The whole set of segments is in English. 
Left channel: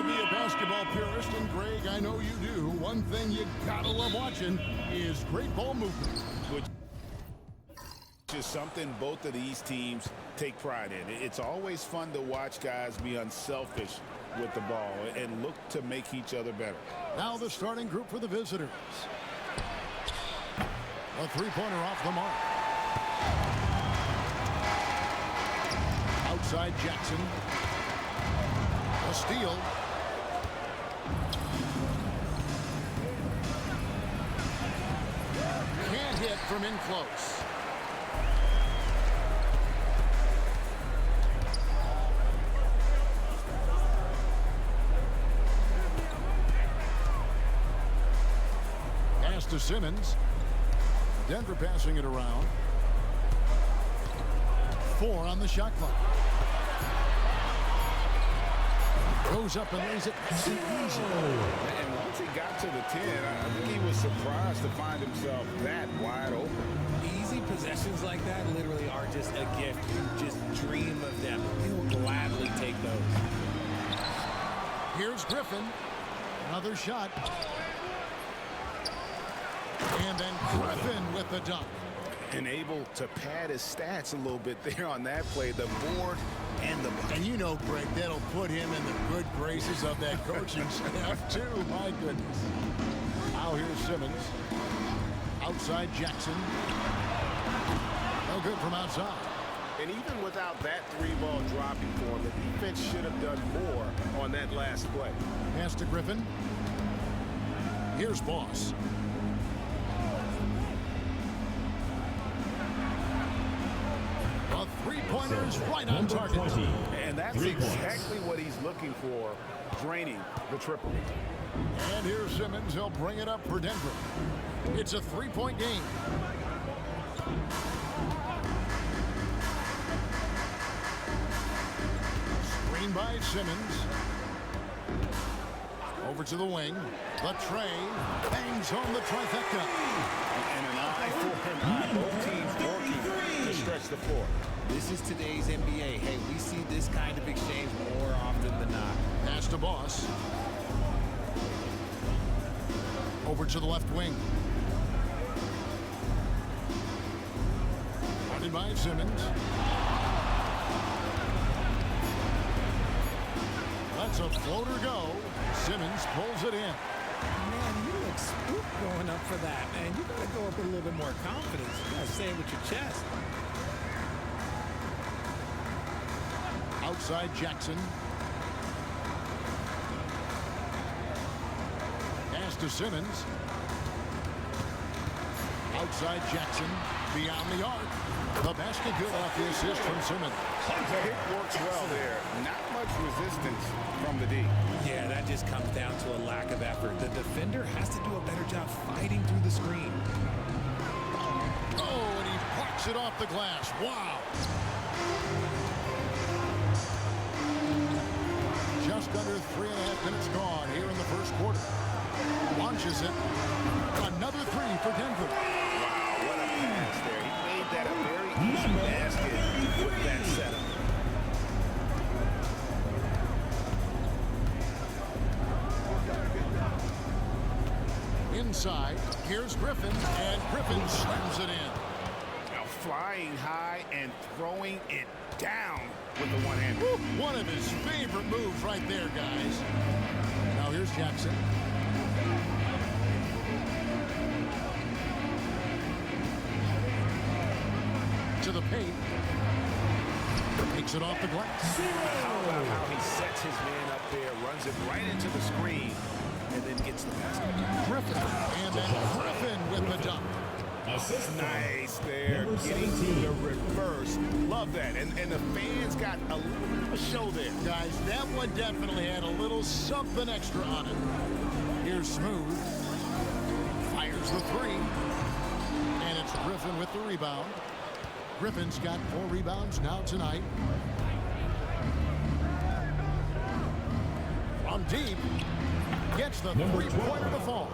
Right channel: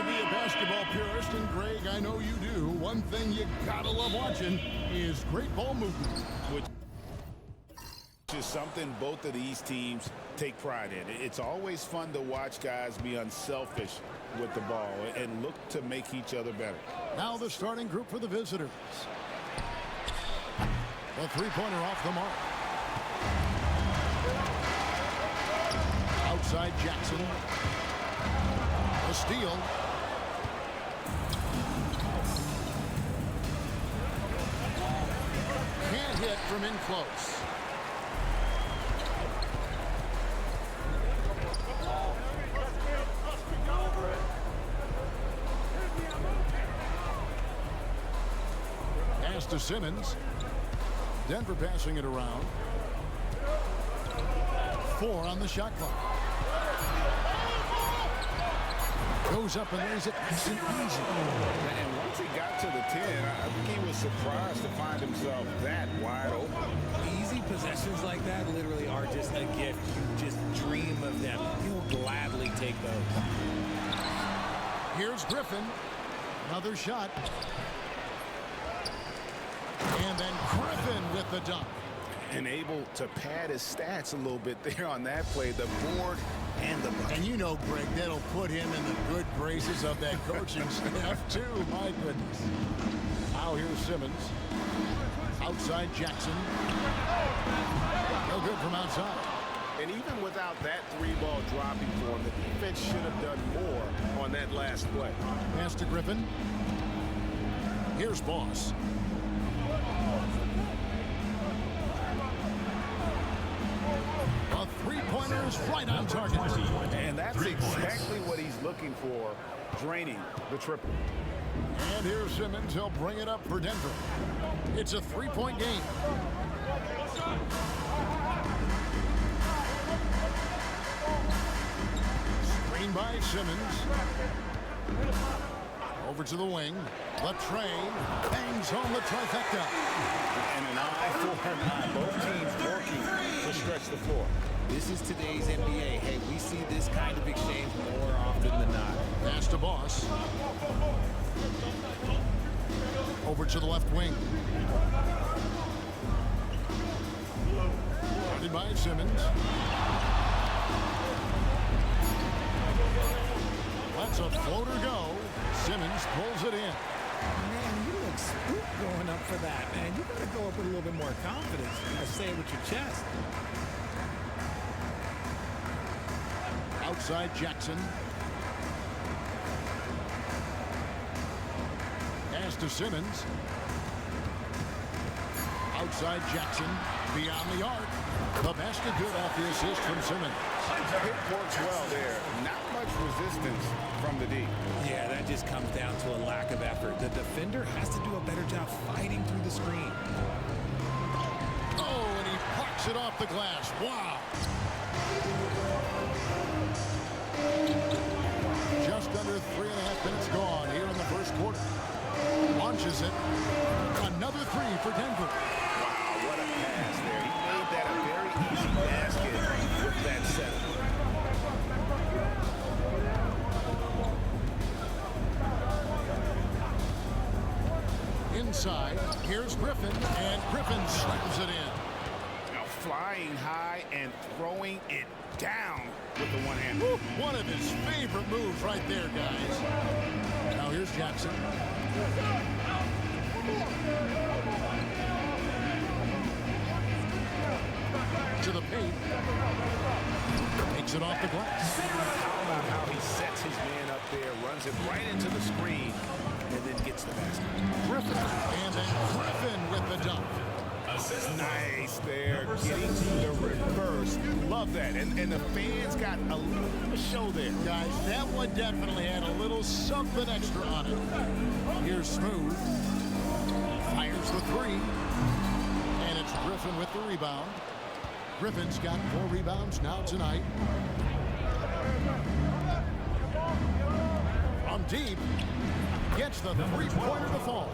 to be a basketball purist, and Greg, I know you do. One thing you gotta love watching is great ball movement. Which is something both of these teams take pride in. It's always fun to watch guys be unselfish with the ball and look to make each other better. Now the starting group for the visitors. A three-pointer off the mark. Outside Jackson. A steal. Can't hit from in close. Pass to Simmons. Denver passing it around. 4 on the shot clock. Goes up and lays it nice and easy. And once he got to the 10, I think he was surprised to find himself that wide open. Easy possessions like that literally are just a gift. You just dream of them. He'll gladly take those. Here's Griffin. Another shot. And then Griffin with the dunk. And able to pad his stats a little bit there on that play. The board and the bucket. And you know, Greg, that'll put him in the good graces of that coaching staff, too. My goodness. Now here's Simmons. Outside Jackson. No good from outside. And even without that 3-ball dropping for him, the defense should have done more on that last play. Pass to Griffin. Here's Boss. A three-pointer is right on target. And that's exactly what he's looking for, draining the triple. And here's Simmons. He'll bring it up for Denver. It's a three-point game. Screen by Simmons. Over to the wing. The train bangs home the trifecta. And an eye for an eye. Both teams working to stretch the floor. This is today's NBA. Hey, we see this kind of exchange more often than not. Pass to Boss. Over to the left wing. Guarded by Simmons. Lets a floater go. Simmons pulls it in. Man, you look spooked going up for that, man. You gotta go up with a little bit more confidence. You gotta say it with your chest. Outside Jackson. Pass to Simmons. Outside Jackson. Beyond the arc. The basket good off the assist from Simmons. The hit works well there. Not much resistance from the D. Yeah, that just comes down to a lack of effort. The defender has to do a better job fighting through the screen. Oh, and he plucks it off the glass. Wow. Just under 3.5 minutes gone here in the first quarter. Launches it. Another three for Denver. Wow, what a pass there. He made that a very easy basket with that setup. Inside, here's Griffin, and Griffin slams it in. Now flying high and throwing it down with the one-hand. One of his favorite moves right there, guys. Now here's Jackson. To the paint. Takes it off the glass. How about how he sets his man up there, runs it right into the screen, and then gets the basket. Griffin, and then Griffin with the dunk. Nice there, getting to the reverse. Love that. And the fans got a little bit of a show there. Guys, that one definitely had a little something extra on it. Here's Smooth. Fires the three. And it's Griffin with the rebound. Griffin's got 4 rebounds now tonight. From deep, gets the three-pointer to fall.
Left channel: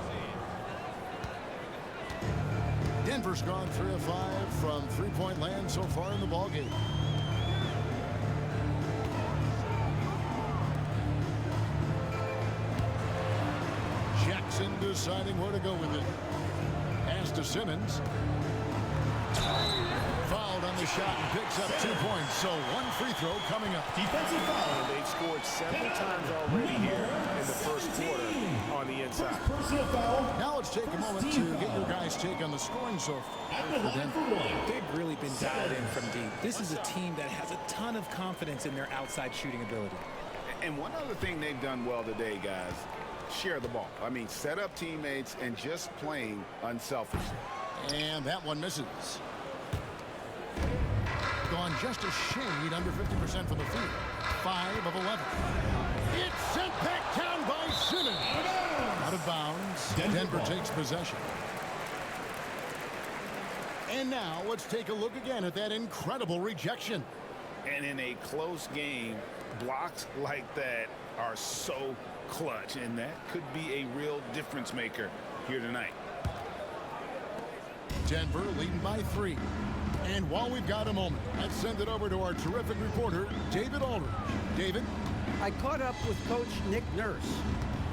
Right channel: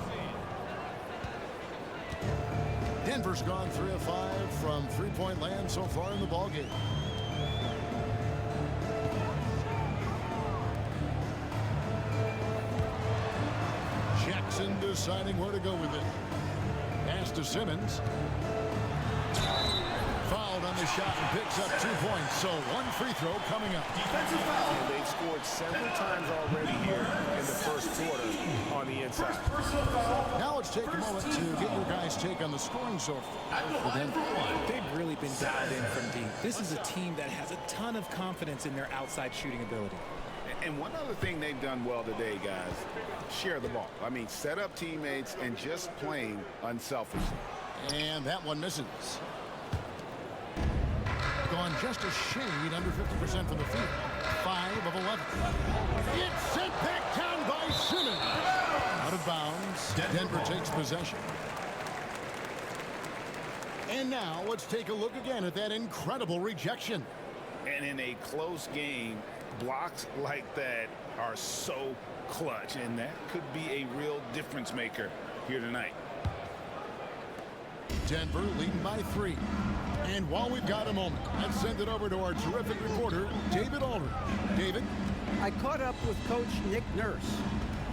Denver's gone 3 of 5 from three-point land so far in the ballgame. deciding where to go with it. Pass to Simmons. Fouled on the shot and picks up 2 points. So one free throw coming up. Defensive foul. And they've scored several times already here in the first quarter on the inside. Now let's take a moment to get your guys' take on the scoring so far for Denver. They've really been dialed in from deep. This is a team that has a ton of confidence in their outside shooting ability. And one other thing they've done well today, guys, share the ball. I mean, set up teammates and just playing unselfishly. And that one misses. Gone just a shade under 50% from the field. 5 of 11. It's sent back down by Simmons. Out of bounds. Denver takes possession. And now let's take a look again at that incredible rejection. And in a close game, blocks like that are so clutch, and that could be a real difference maker here tonight. Denver leading by 3. And while we've got a moment, let's send it over to our terrific reporter, David Aldridge. David? I caught up with Coach Nick Nurse,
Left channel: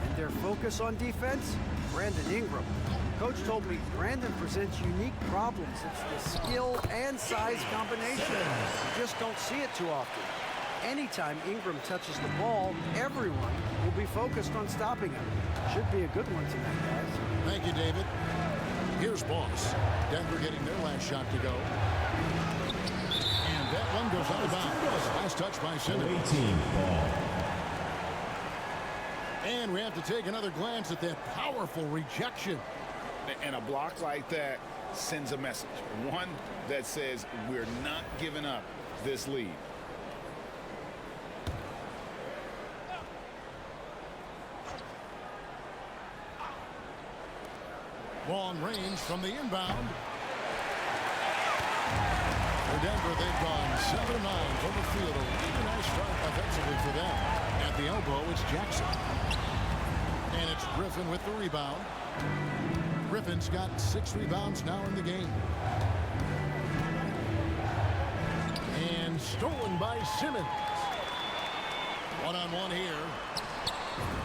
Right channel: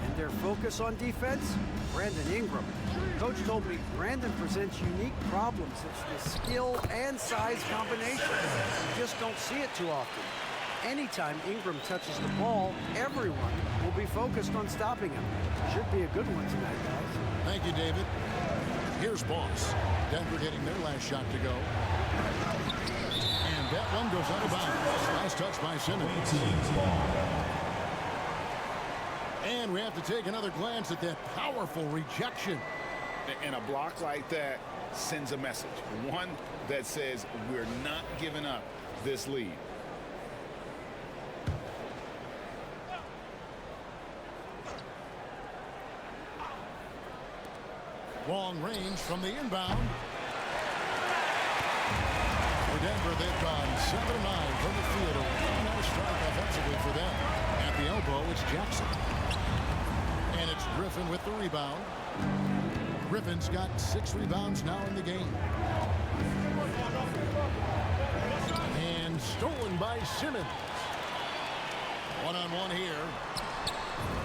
and their focus on defense, Brandon Ingram. Coach told me Brandon presents unique problems. It's the skill and size combination. You just don't see it too often. Anytime Ingram touches the ball, everyone will be focused on stopping him. Should be a good one tonight, guys. Thank you, David. Here's Boss. Denver getting their last shot to go. And that one goes out of bounds. Last touch by Simmons. And we have to take another glance at that powerful rejection. And a block like that sends a message. One that says we're not giving up this lead. Long range from the inbound. For Denver, they've gone 7 of 9 from the field. A really nice start offensively for them. At the elbow, it's Jackson. And it's Griffin with the rebound. Griffin's got 6 rebounds now in the game. And stolen by Simmons. One-on-one here.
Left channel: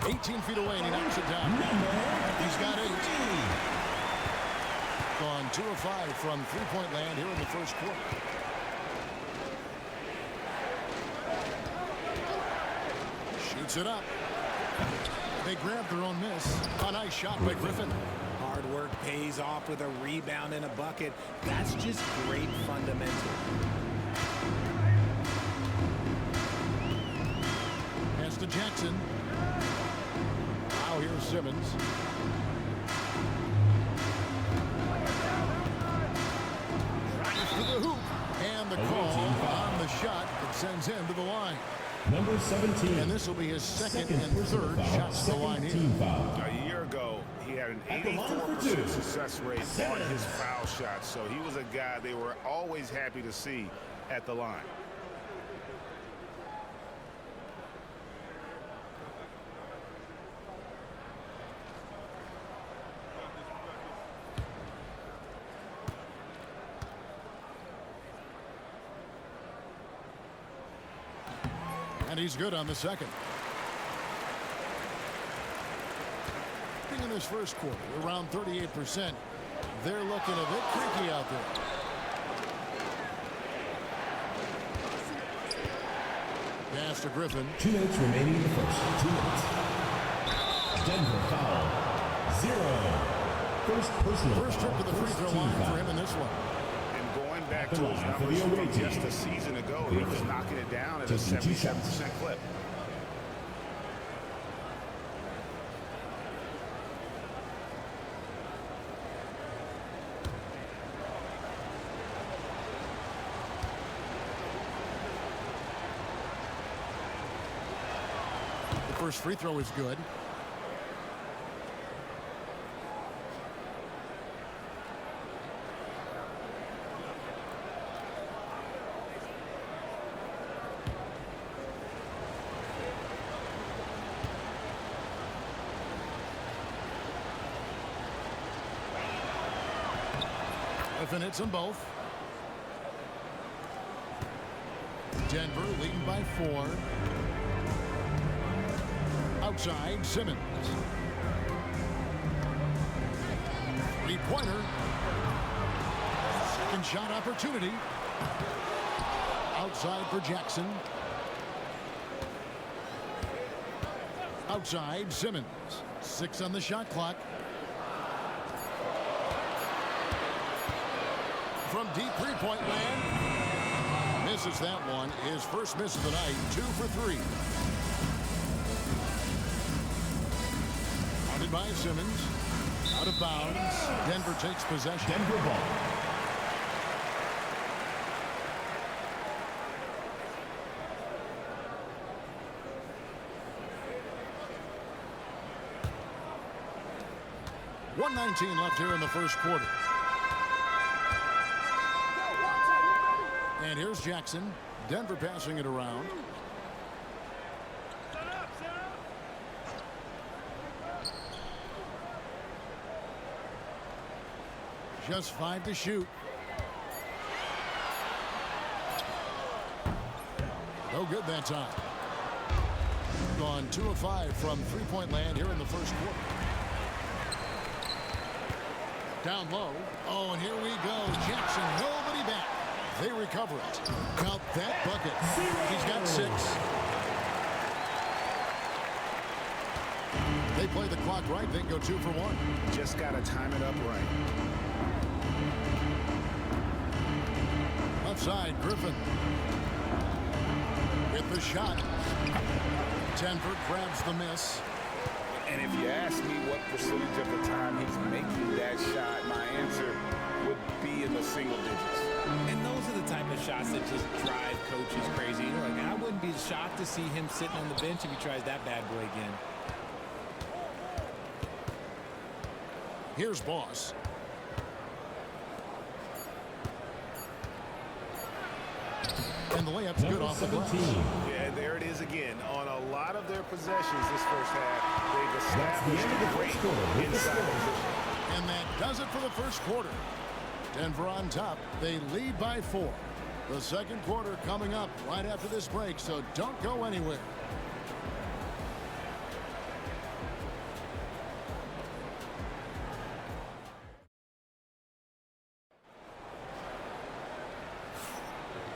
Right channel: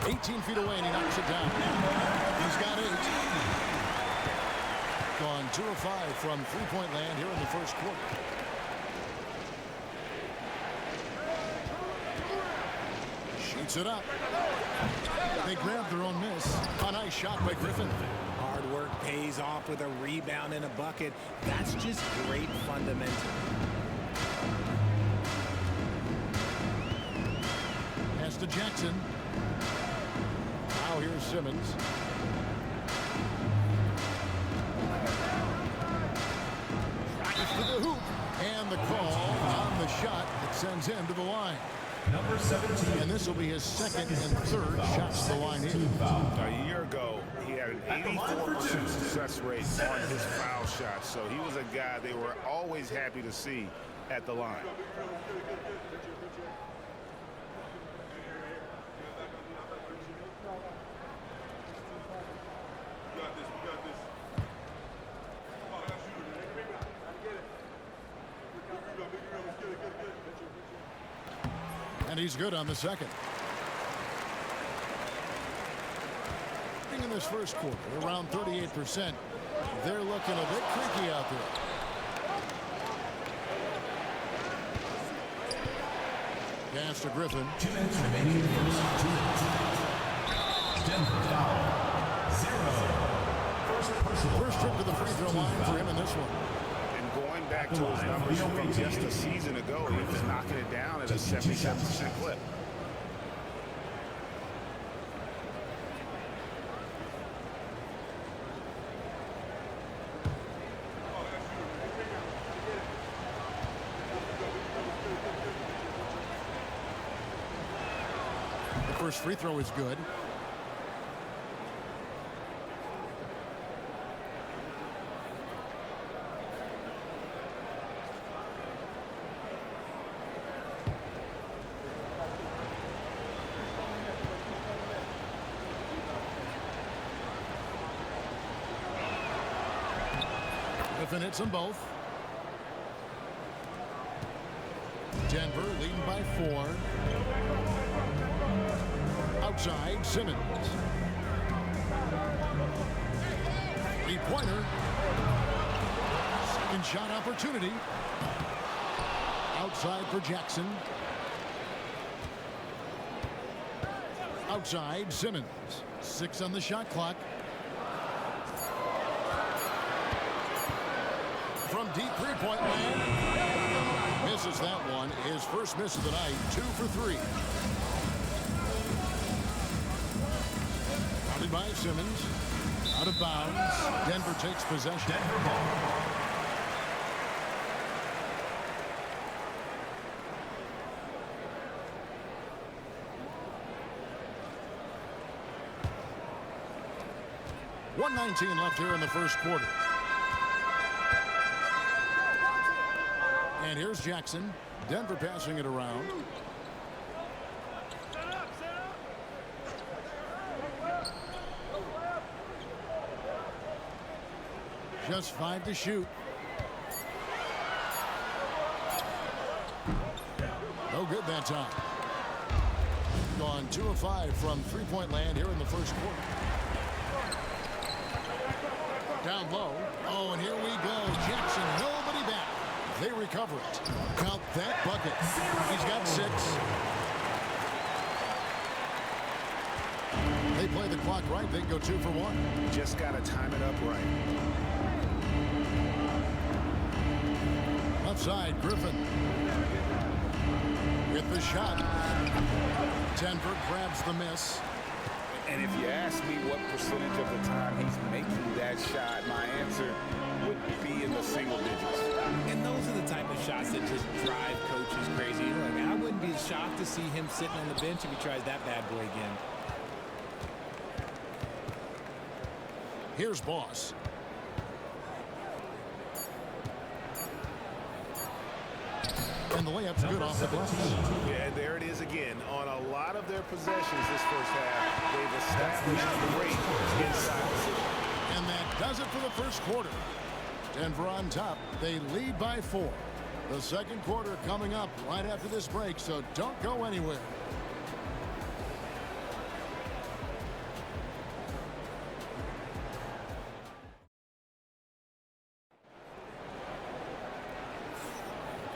18 feet away, and he knocks it down. He's got 8. Gone 2 of 5 from three-point land here in the first quarter. Shoots it up. They grab their own miss. A nice shot by Griffin. Hard work pays off with a rebound and a bucket. That's just great fundamentals. Pass to Jackson. Now here's Simmons. Tries for the hoop. And the call on the shot that sends him to the line. Number 17. And this will be his second and third shots to the line here. A year ago, he had an 84% success rate on his foul shots. So he was a guy they were always happy to see at the line. And he's good on the second. In this first quarter, around 38%. They're looking a bit creaky out there. Pass to Griffin. 2 minutes remaining in the first. 2 minutes. Denver foul. 0. First trip to the free throw line for him in this one. And going back to his numbers from just a season ago, he was knocking it down at a 77% clip. The first free throw is good. Griffin hits them both. Denver leading by 4. Outside, Simmons. Three-pointer. Second shot opportunity. Outside for Jackson. Outside, Simmons. 6 on the shot clock. From deep three-point land. Misses that one. His first miss of the night. 2 for 3. Guarded by Simmons. Out of bounds. Denver takes possession. Denver ball. .119 left here in the first quarter. And here's Jackson. Denver passing it around. Just 5 to shoot. No good that time. Gone 2 of 5 from three-point land here in the first quarter. Down low. Oh, and here we go. Jackson, nobody back. They recover it. Count that bucket. He's got 6. They play the clock right. They go 2 for 1. Just got to time it up right. Left side, Griffin. With the shot. Denver grabs the miss. And if you ask me what percentage of the time he's making that shot, my answer would be in the single digits. And those are the type of shots that just drive coaches crazy. Look, I wouldn't be shocked to see him sitting on the bench if he tries that bad boy again. Here's Boss. And the layup's good off the glass. Yeah, there it is again. On a lot of their possessions this first half, they've established great inside position. And that does it for the first quarter. Denver on top. They lead by 4. The second quarter coming up right after this break, so don't go anywhere.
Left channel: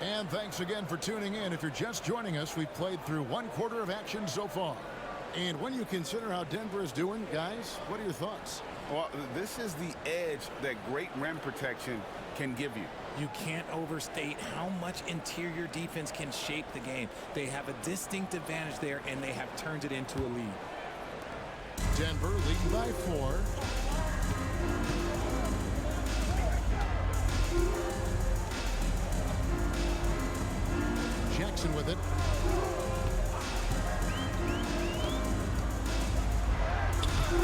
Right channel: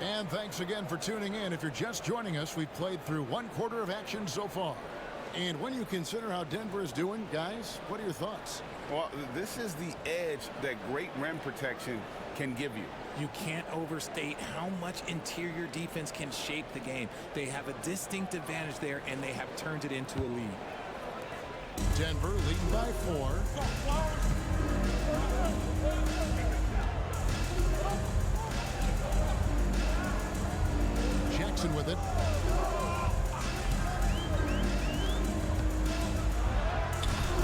And thanks again for tuning in. If you're just joining us, we've played through 1 quarter of action so far. And when you consider how Denver is doing, guys, what are your thoughts? Well, this is the edge that great rim protection can give you. You can't overstate how much interior defense can shape the game. They have a distinct advantage there, and they have turned it into a lead. Denver leading by 4. Jackson with it.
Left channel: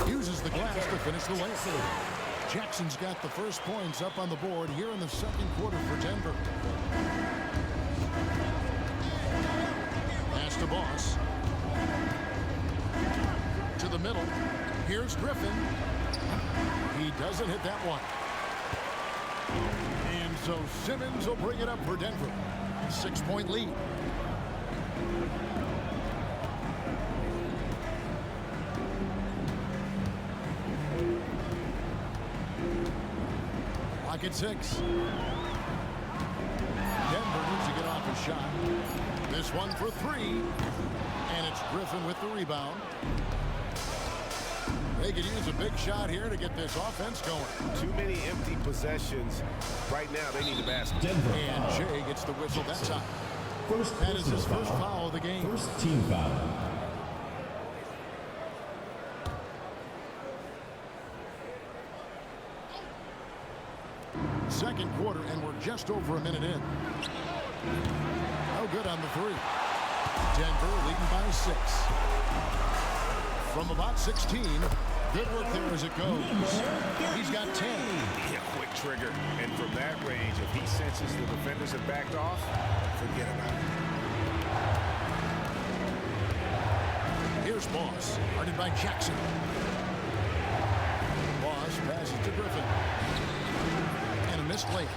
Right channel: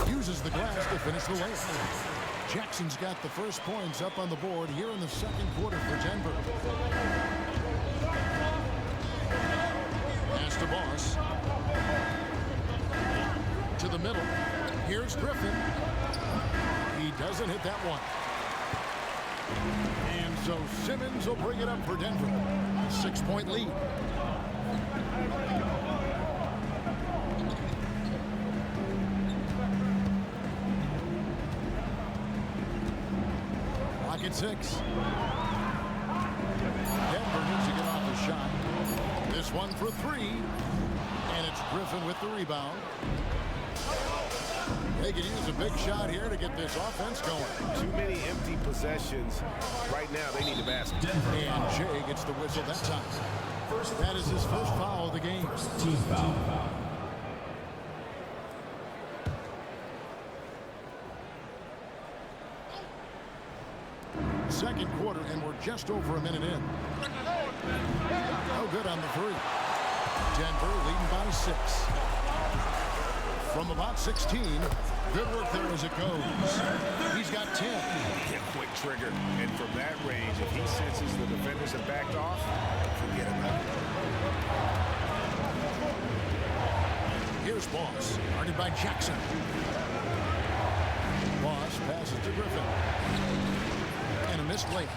Uses the glass to finish the layup. Jackson's got the first points up on the board here in the second quarter for Denver. Pass to Boss. To the middle. Here's Griffin. He doesn't hit that one. And so Simmons will bring it up for Denver. 6-point lead. Clock at 6. Denver needs to get off a shot. This one for 3. And it's Griffin with the rebound. They could use a big shot here to get this offense going. Too many empty possessions. Right now, they need the basket. Denver And foul. Jay gets the whistle that time. First That is his personal first foul of the game. First team foul. Second quarter, and we're just over a minute in. No good on the 3. Denver leading by 6. From about 16. Good work there as it goes. He's got 10. Yeah, quick trigger. And from that range, if he senses the defenders have backed off, forget about it. Here's Boss, guarded by Jackson. Boss passes to Griffin. And a missed layup.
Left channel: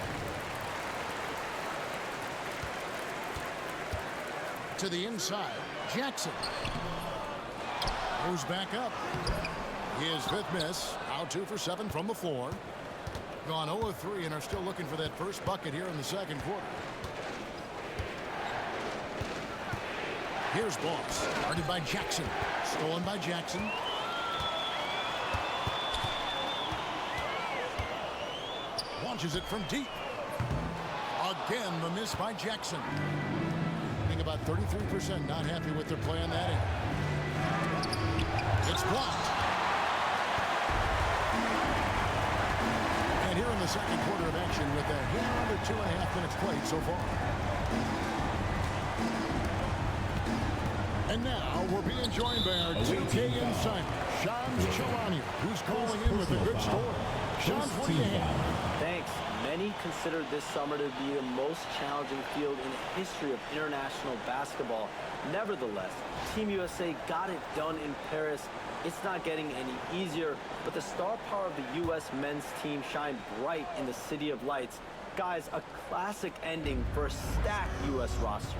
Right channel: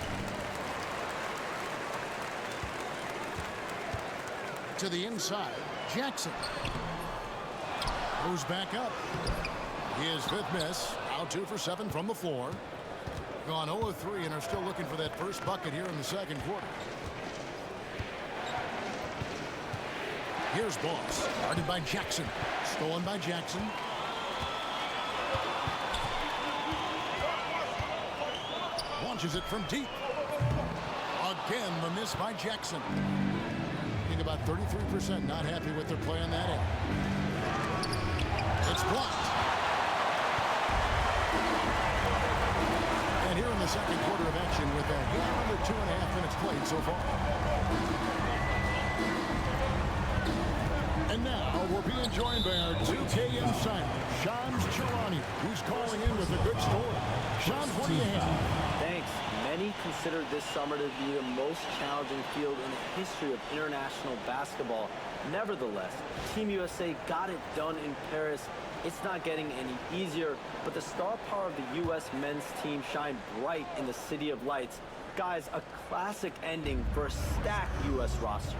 To the inside, Jackson. Goes back up. His 5th miss. Now 2 for 7 from the floor. Gone 0 of 3 and are still looking for that first bucket here in the second quarter. Here's Boss. Guarded by Jackson. Stolen by Jackson. Launches it from deep. Again, the miss by Jackson. Being about 33%, not happy with their play on that end. It's blocked. And here in the second quarter of action with a hair under 2.5 minutes played so far. And now we're being joined by our 2K insider, Shams Charania, who's calling in with a good story. Shams, what do you have? Thanks. Many consider this summer to be the most challenging field in the history of international basketball. Nevertheless, Team USA got it done in Paris. It's not getting any easier, but the star power of the U.S. men's team shined bright in the City of Lights. Guys, a classic ending for a stacked U.S. roster.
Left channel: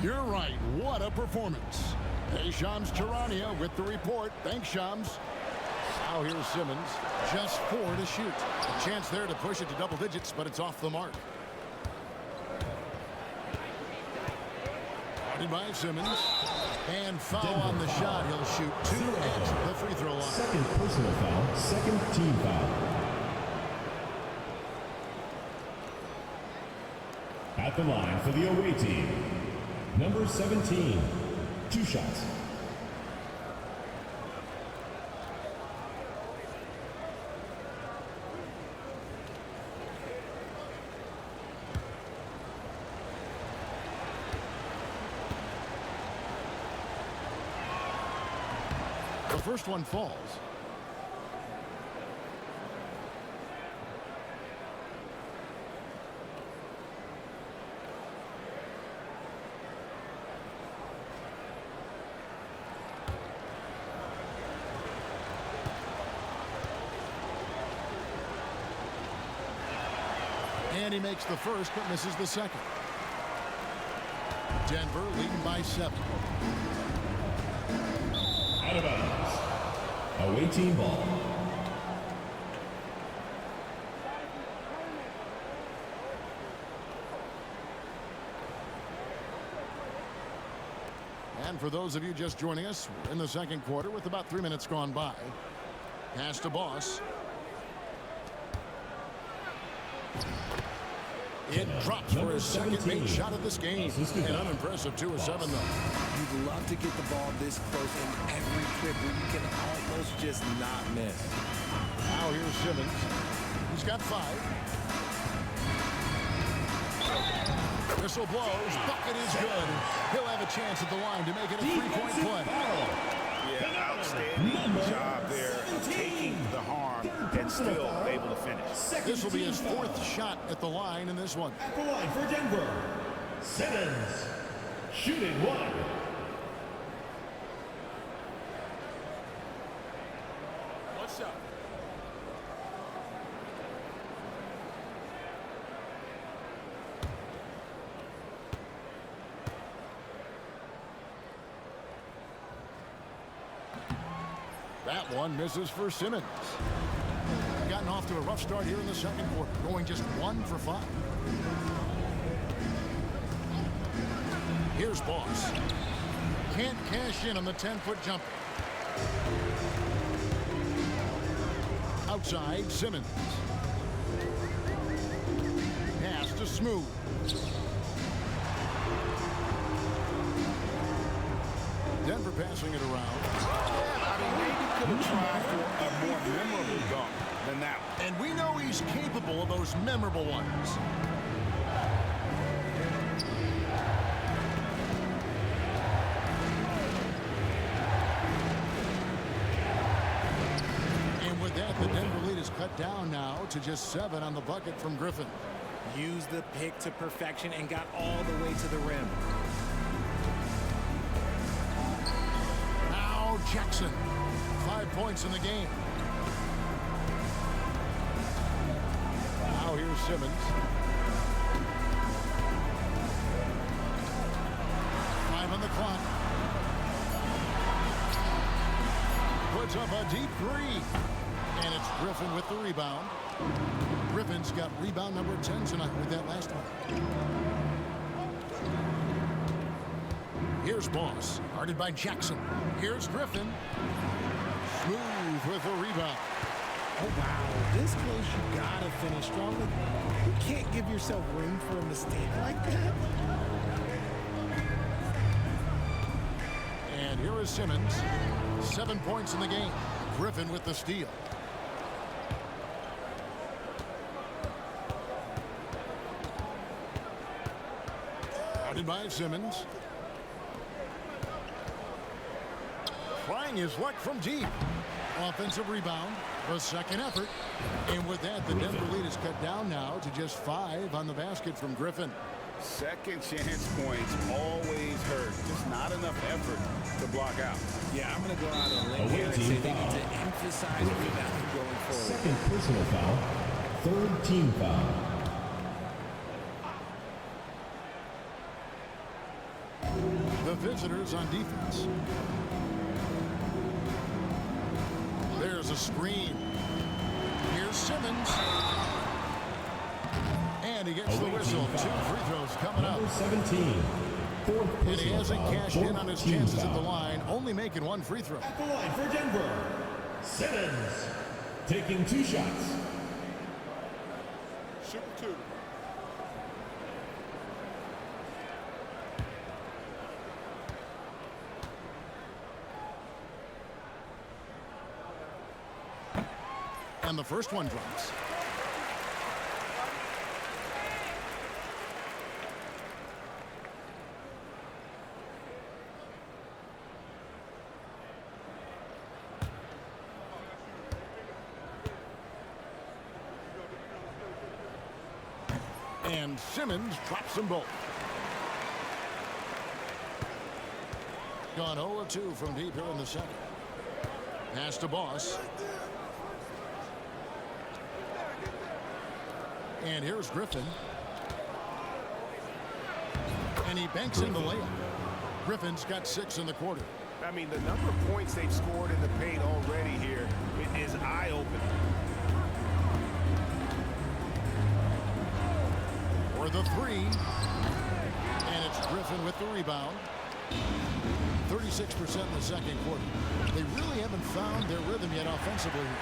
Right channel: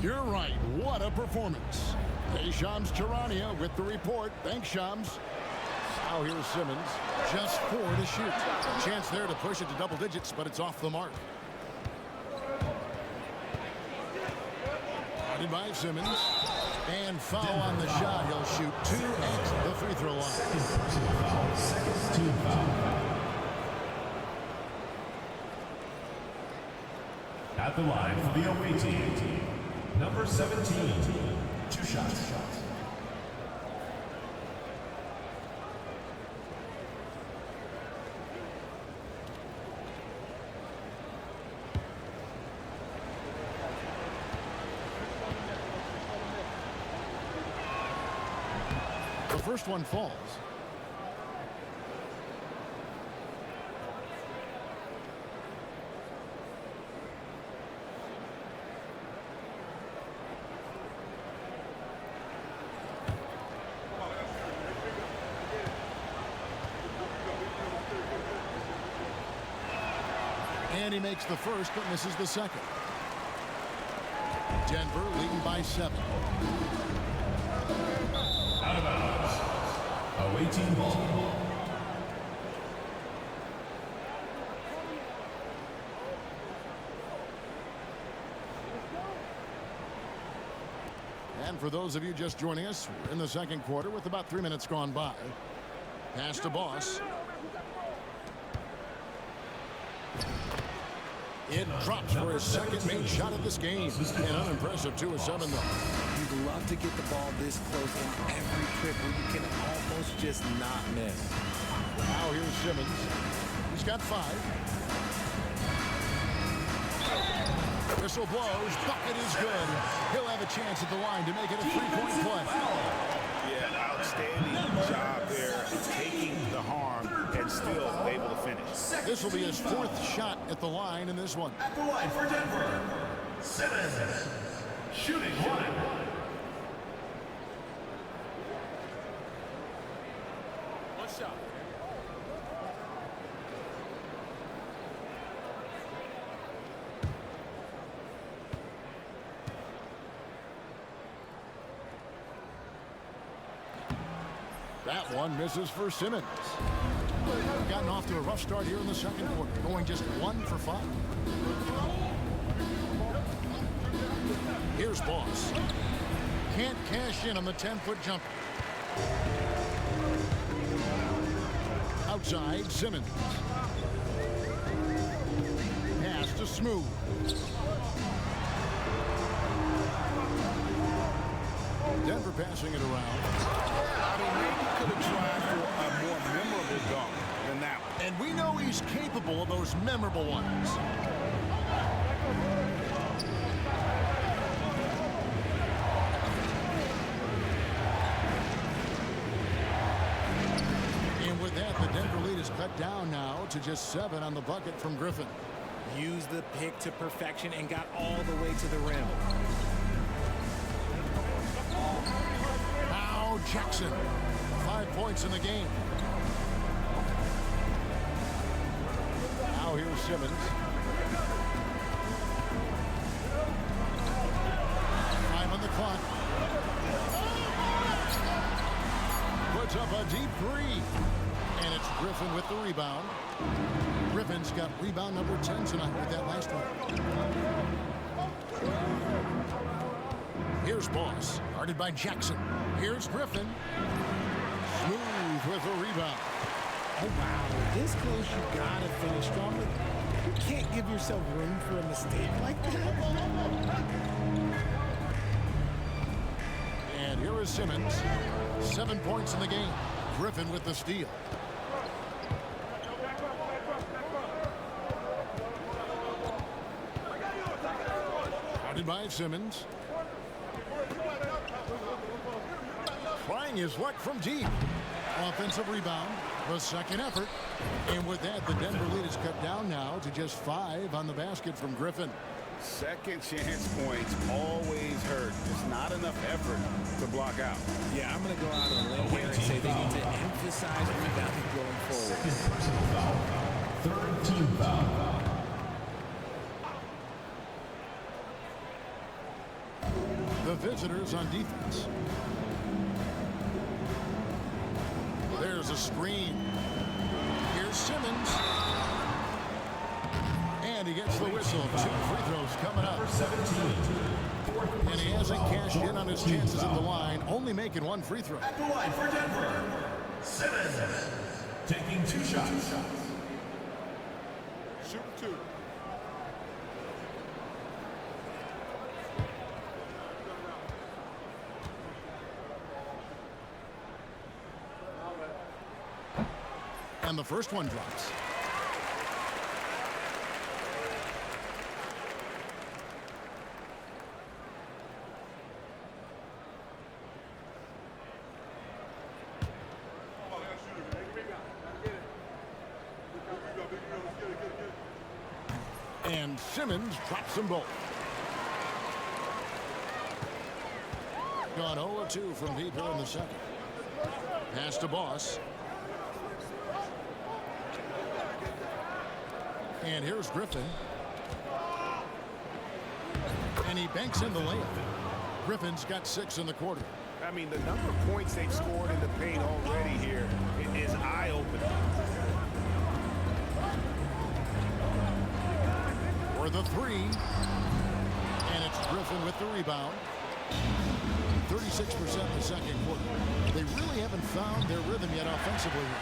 You're right. What a performance. Hey, Shams Charania with the report. Thanks, Shams. Now here's Simmons. Just 4 to shoot. A chance there to push it to double digits, but it's off the mark. Guarded by Simmons. And foul on the shot. He'll shoot 2 at the free throw line. Second personal foul, second team foul. At the line for the away team, number 17, 2 shots. The first one falls. And he makes the first but misses the second. Denver leading by 7. Out of bounds. Away team ball. And for those of you just joining us, we're in the second quarter with about 3 minutes gone by. Pass to Boss. It drops for his second made shot of this game. An unimpressive 2 of 7, though. You'd love to get the ball this close in every trip where you can almost just not miss. Now here's Simmons. He's got 5. Whistle blows. Bucket is good. He'll have a chance at the line to make it a 3-point play. Yeah, outstanding job there of taking the harm and still able to finish. This will be his 4th shot at the line in this one. At the line for Denver, Simmons, shooting 1. One shot. That one misses for Simmons. Gotten off to a rough start here in the second quarter, going just 1 for 5. Here's Boss. Can't cash in on the 10-foot jumper. Outside, Simmons. Pass to Smooth. Denver passing it around. I mean, maybe could have tried for a more memorable dunk than that one. And we know he's capable of those memorable ones. And with that, the Denver lead is cut down now to just 7 on the bucket from Griffin. Used the pick to perfection and got all the way to the rim. Now Jackson. 5 points in the game. Now here's Simmons. 5 on the clock. Puts up a deep 3. And it's Griffin with the rebound. Griffin's got rebound number 10 tonight with that last one. Here's Boss, guarded by Jackson. Here's Griffin. Smooth with the rebound. Oh, wow. This close, you got to finish strong. You can't give yourself room for a mistake like that. And here is Simmons. 7 points in the game. Griffin with the steal. Guarded by Simmons. Trying his luck from deep. Offensive rebound. The second effort. And with that, the Denver lead is cut down now to just 5 on the basket from Griffin. Second chance points always hurt. Just not enough effort to block out. Yeah, I'm going to go out on a limb here and say they need to emphasize rebounding going forward. Second personal foul. Third team foul. The visitors on defense. There's a screen. Here's Simmons. And he gets the whistle. 2 free throws coming up. Number 17. Fourth And he personal hasn't foul. cashed in Fourth on his team chances at foul. the line, only making 1 free throw. At the line for Denver, Simmons. Taking 2 shots. Shoot 2. And the first one drops. And Simmons drops them both. Gone 0-2 from deep here in the second. Pass to Boss. And here's Griffin. And he banks in the layup. Griffin's got 6 in the quarter. I mean, the number of points they've scored in the paint already here is eye-opening. For the 3. And it's Griffin with the rebound. 36% in the second quarter. They really haven't found their rhythm yet offensively here.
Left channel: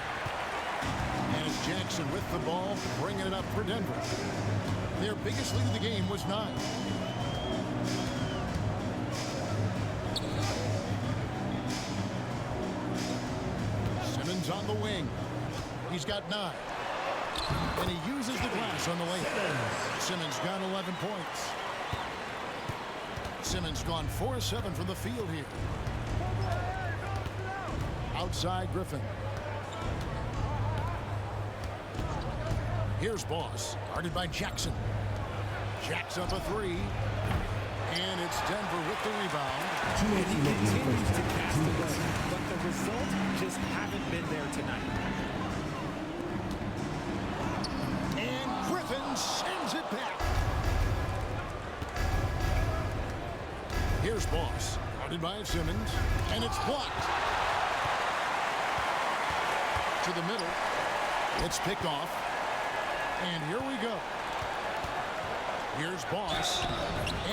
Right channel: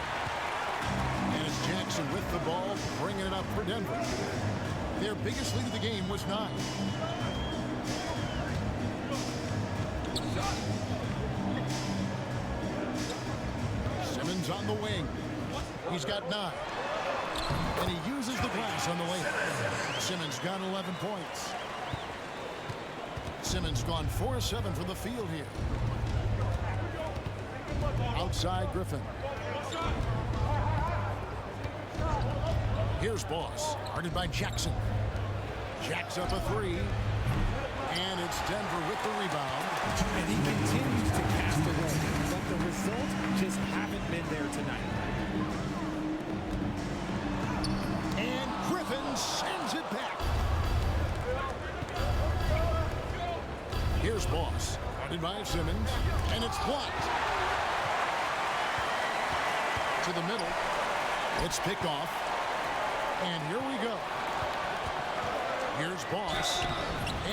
And it's Jackson with the ball, bringing it up for Denver. Their biggest lead of the game was 9. Simmons on the wing. He's got 9. And he uses the glass on the layup. Simmons got 11 points. Simmons gone 4-7 from the field here. Outside Griffin. Here's Boss, guarded by Jackson. Jacks up a 3. And it's Denver with the rebound. And he continues to cast away, but the results just haven't been there tonight. And Griffin sends it back. Here's Boss, guarded by Simmons. And it's blocked. To the middle. It's picked off. And here we go. Here's Boss.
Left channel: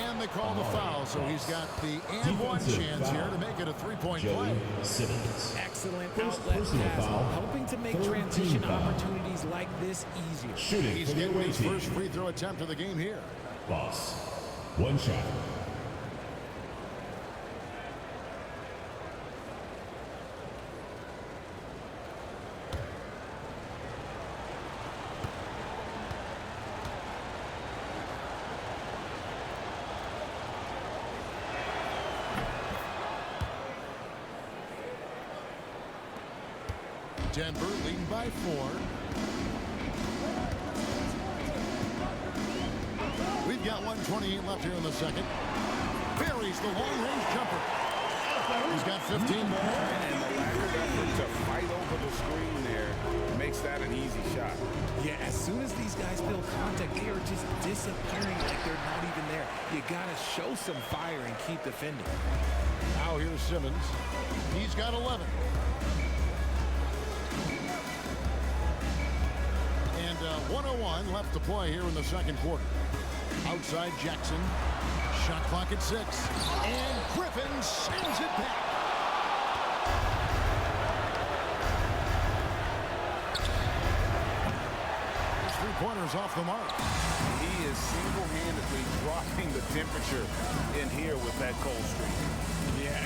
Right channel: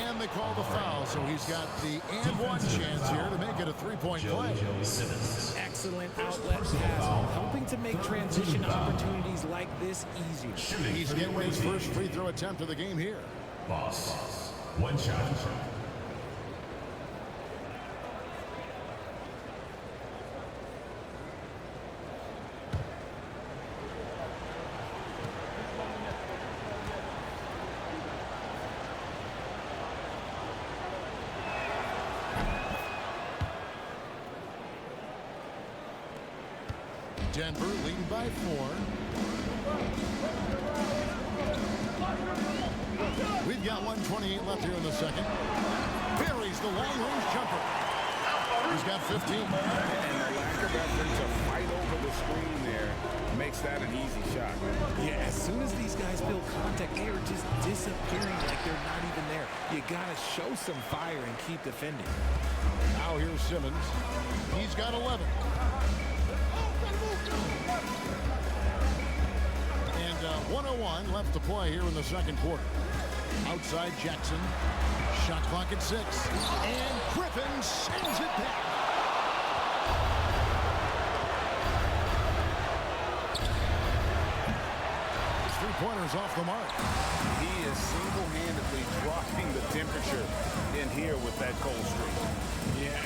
And they call the foul, so he's got the and one chance here to make it a 3-point play. Simmons. Excellent First outlet personal pass, foul. helping to make Third transition team foul. opportunities like this easier. Shooting He's for the getting away his team. first free throw attempt of the game here. Boss. 1 shot. Denver leading by 4. We've got 1:28 left here in the second. Buries the long-range jumper. He's got 15. And the lack of effort to fight over the screen there makes that an easy shot. Yeah, as soon as these guys feel contact, they are just disappearing like they're not even there. You got to show some fire and keep defending. Now here's Simmons. He's got 11. And And 1:01 left to play here in the second quarter. Outside Jackson. Shot clock at 6. And Griffin sends it back. His three-pointers off the mark. He is single-handedly dropping the temperature in here with that cold streak. Yeah,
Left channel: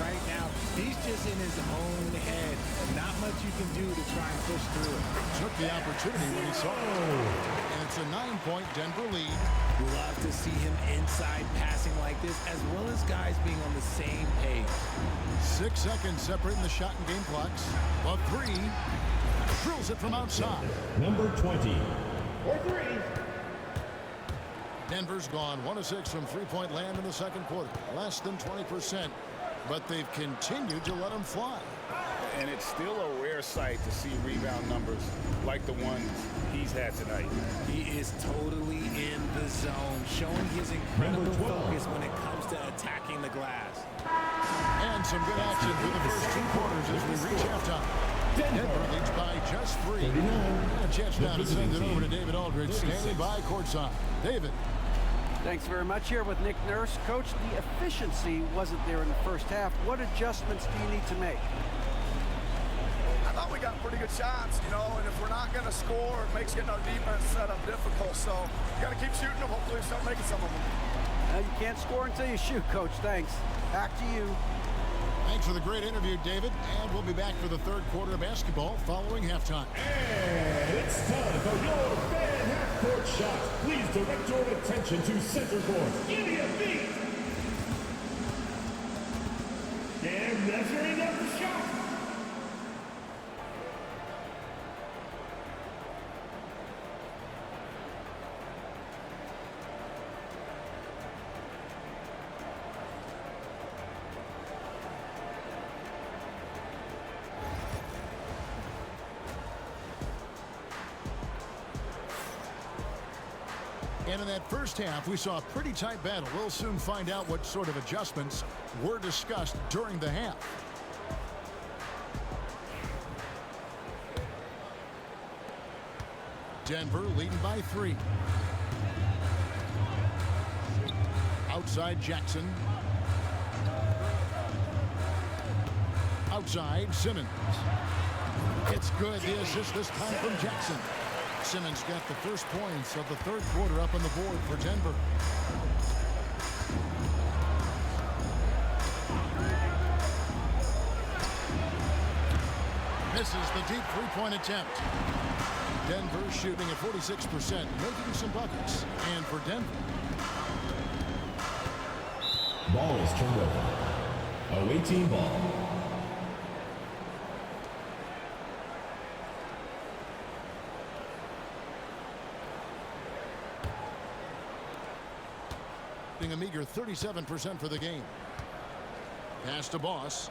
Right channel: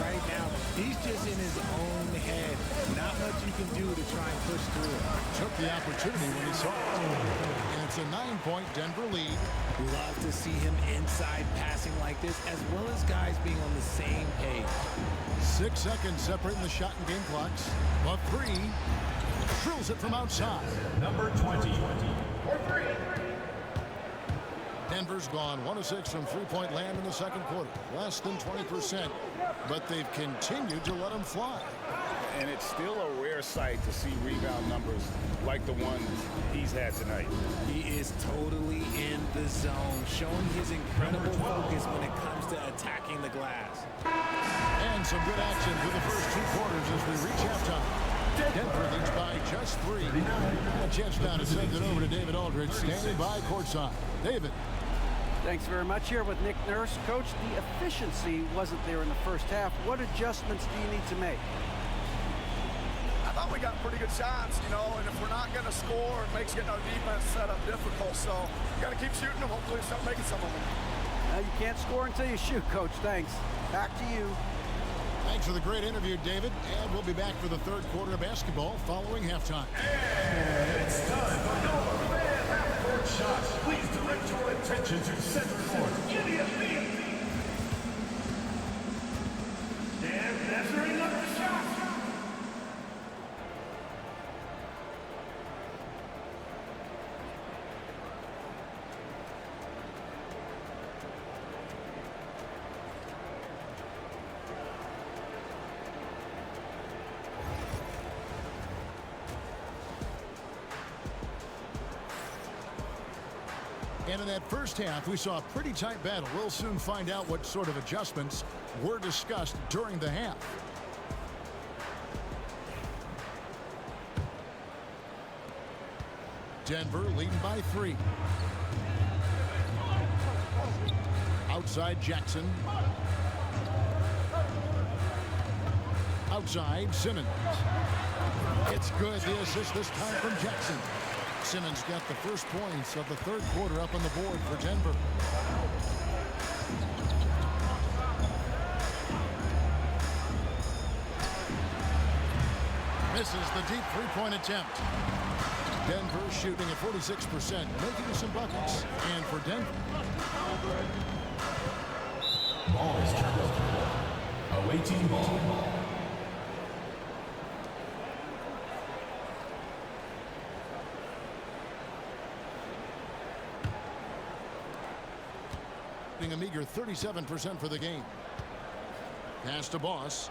right now, he's just in his own head. Not much you can do to try and push through it. Took the opportunity when he saw it. And it's a 9-point Denver lead. Love to see him inside passing like this, as well as guys being on the same page. 6 seconds separating the shot and game clocks. The three. Drills it from outside. Number 20. Denver's gone 1 of 6 from three-point land in the second quarter. Less than 20%. But they've continued to let him fly. And it's still a rare sight to see rebound numbers like the ones he's had tonight. He is totally in the zone, showing his incredible focus when it comes to attacking the glass. And some good action through the first 2 quarters as we reach halftime. Denver leads by just 3. A chance now to send it over to David Aldridge, standing by courtside. David. Thanks very much. Here with Nick Nurse. Coach, the efficiency wasn't there in the first half. What adjustments do you need to make? I thought we got pretty good shots, you know, and if we're not going to score, it makes getting our defense set up difficult. So you got to keep shooting them. Hopefully we start making some of them. You can't score until you shoot, Coach. Thanks. Back to you. Thanks for the great interview, David. And we'll be back for the third quarter of basketball following halftime. And it's time for your fan half-court shot. Please direct your attention to center court. Give me a beat. And measuring up the shot. And in that first half, we saw a pretty tight battle. We'll soon find out what sort of adjustments were discussed during the half. Denver leading by 3. Outside Jackson. Outside Simmons. It's good. The assist this time from Jackson. Simmons got the first points of the third quarter up on the board for Denver. Misses the deep three-point attempt. Denver shooting at 46%, making some buckets. And for Denver. Ball is turned over. Away team ball. A meager 37% for the game. Pass to Boss.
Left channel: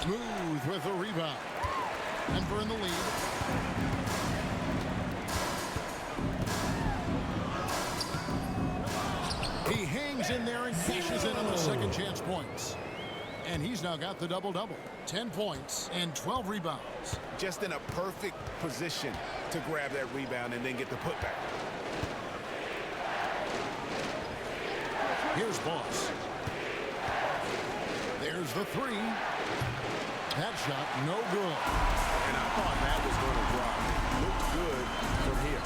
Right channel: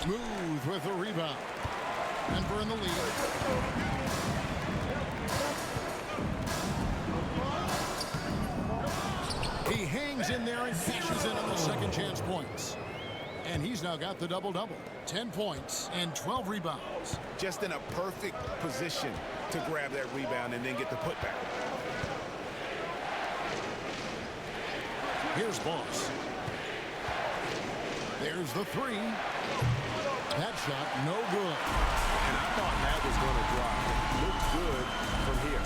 Smooth with the rebound. Denver in the lead. He hangs in there and cashes in on the second chance points. And he's now got the double-double. 10 points and 12 rebounds. Just in a perfect position to grab that rebound and then get the putback. Here's Boss. There's the 3. That shot no good. And I thought that was going to drop. It looked good from here.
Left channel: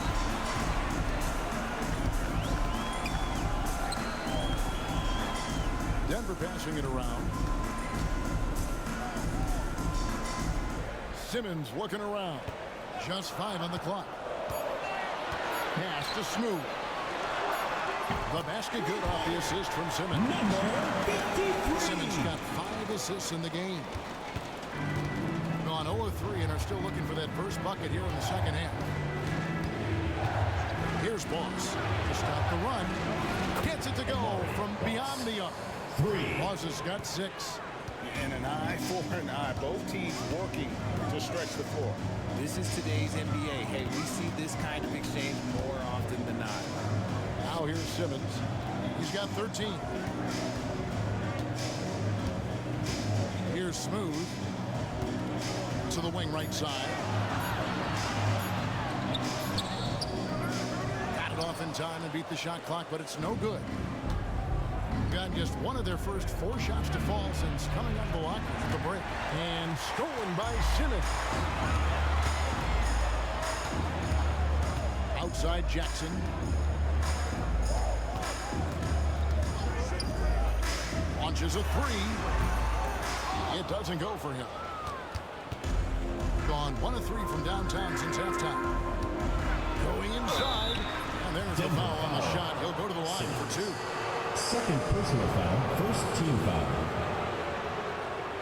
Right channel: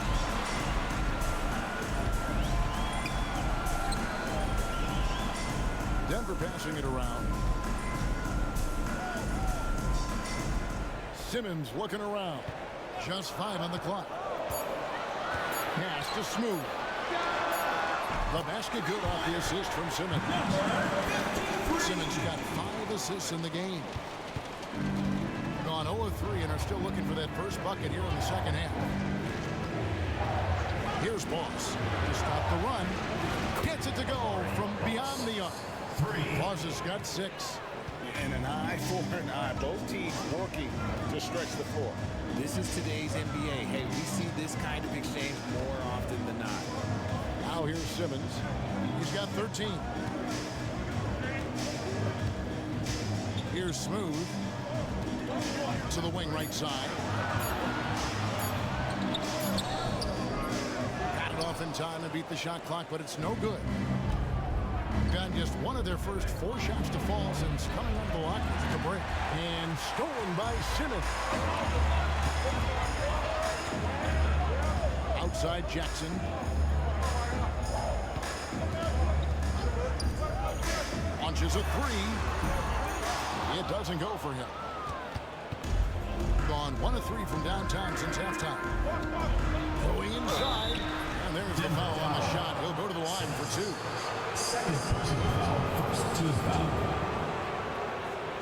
Denver passing it around. Simmons looking around. Just 5 on the clock. Pass to Smooth. The basket good off the assist from Simmons. Simmons got 5 assists in the game. Gone 0-3 and are still looking for that first bucket here in the second half. Here's Boss to stop the run. Gets it to go from beyond the arc. 3. Boss has got 6. And an eye for an eye. Both teams working to stretch the floor. This is today's NBA. Hey, we see this kind of exchange more often than not. Now here's Simmons. He's got 13. Here's Smooth to the wing right side. Got it off in time and beat the shot clock, but it's no good. Got just one of their first 4 shots to fall since coming out of the lockers at the break. And stolen by Simmons. Outside Jackson. Launches a 3. It doesn't go for him. Gone 1 of 3 from downtown since halftime. Going inside. And there's the foul on the shot. He'll go to the line for 2. Second personal foul, first team foul.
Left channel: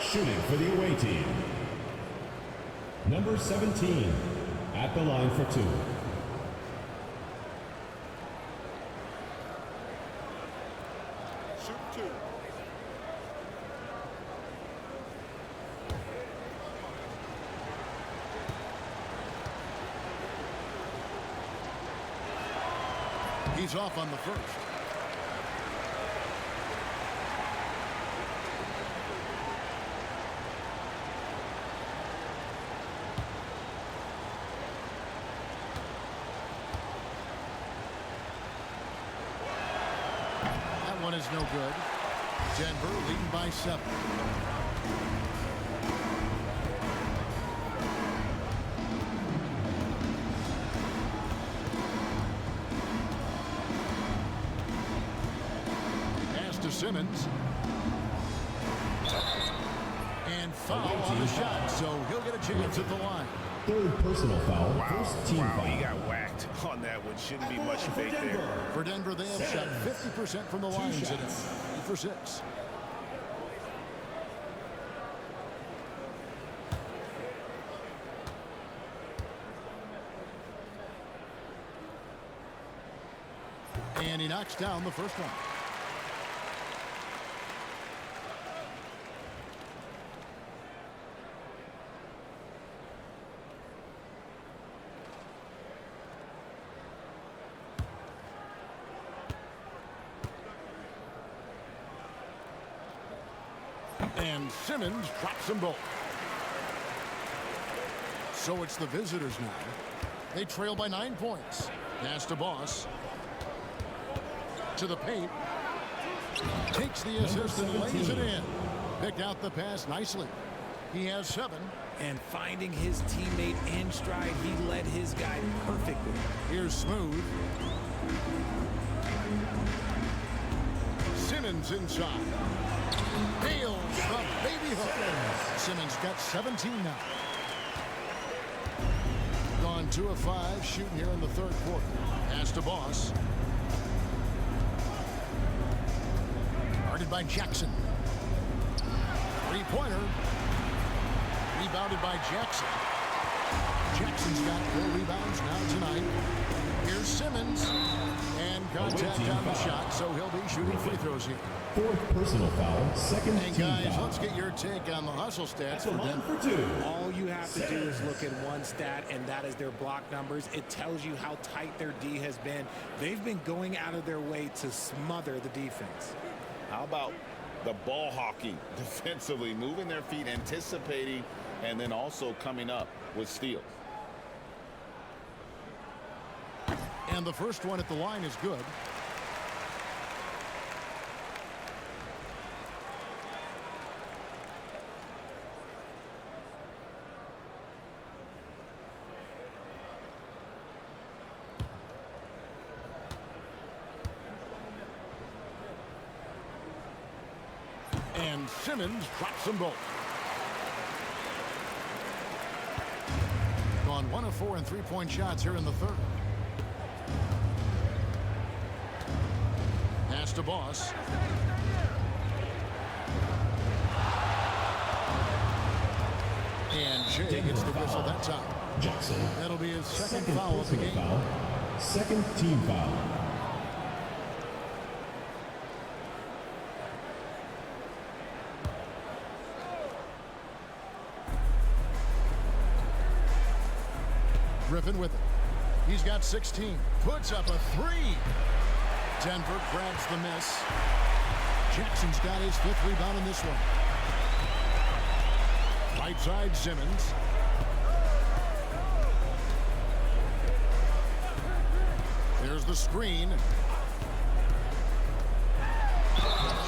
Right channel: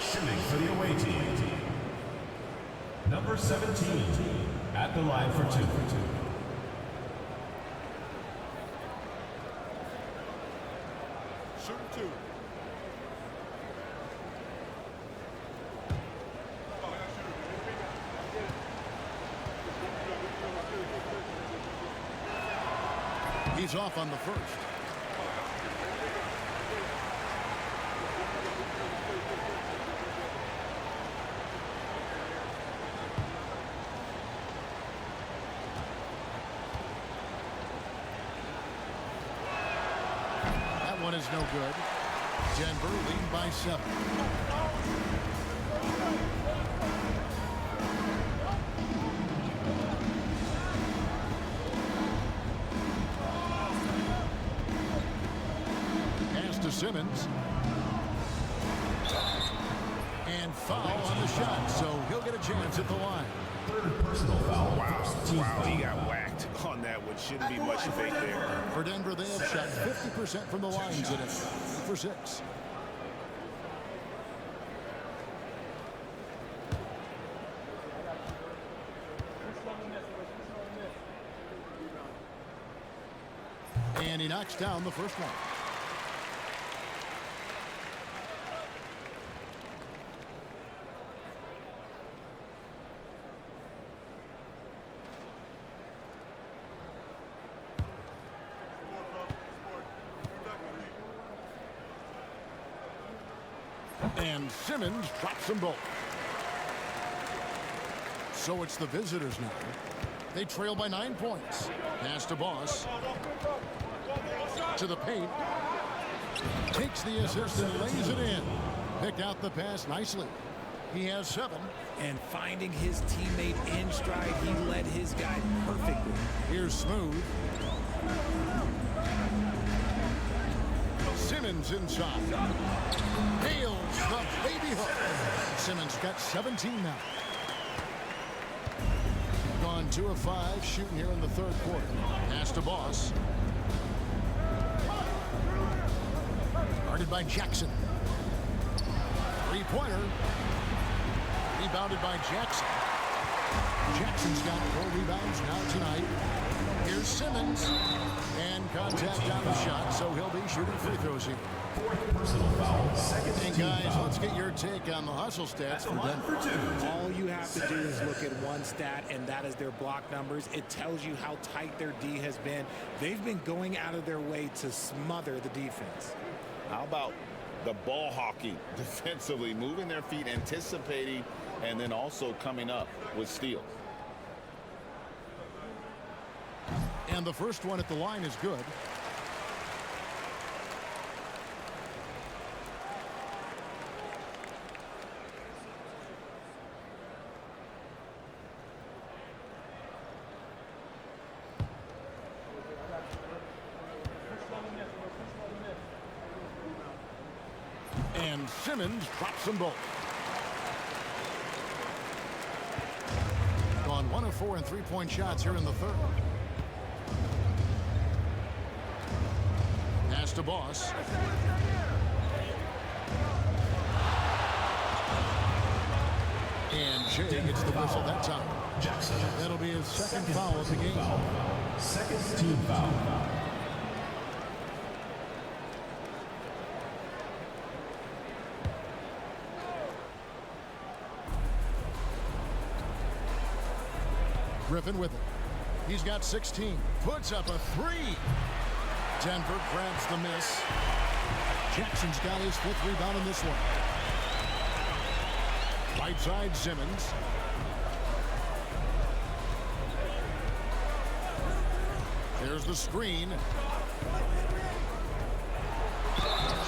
Shooting for the away team. Number 17 at the line for 2. Shooting 2. He's off on the first. That one is no good. Denver leading by 7. To Simmons. And foul on the shot, so he'll get a chance at the line. Third personal foul. Wow, he got whacked on that one. Shouldn't be much debate there. For Denver, they have shot 50% from the line today. 3 for 6. And he knocks down the first one. And Simmons drops them both. So it's the visitors now. They trail by 9 points. Pass to Boss. To the paint. Takes the assist and lays it in. Picked out the pass nicely. He has 7. And finding his teammate in stride, he led his guy perfectly. Here's Smooth. Simmons inside. Nails the baby hook. Simmons got 17 now. Gone 2 of 5 shooting here in the third quarter. Pass to Boss. Guarded by Jackson. 3-pointer. Rebounded by Jackson. Jackson's got 4 rebounds now tonight. Here's Simmons. And contact on the shot, so he'll be shooting free throws here. Fourth personal foul, second and team guys, foul. let's get your take on the hustle stats for Denver. All you have to do is look at one stat, and that is their block numbers. It tells you how tight their D has been. They've been going out of their way to smother the defense. How about the ball hawking defensively, moving their feet, anticipating, and then also coming up with steals. And the first one at the line is good. And Simmons drops them both. Gone 1 of 4 in 3-point shots here in the third. Pass to Boss. And Jay gets the whistle that time. Jackson. That'll be his second foul of the game. Foul. Second team foul. Griffin with it. He's got 16. Puts up a 3. Denver grabs the miss. Jackson's got his 5th rebound in this one. Right side, Simmons. There's the screen.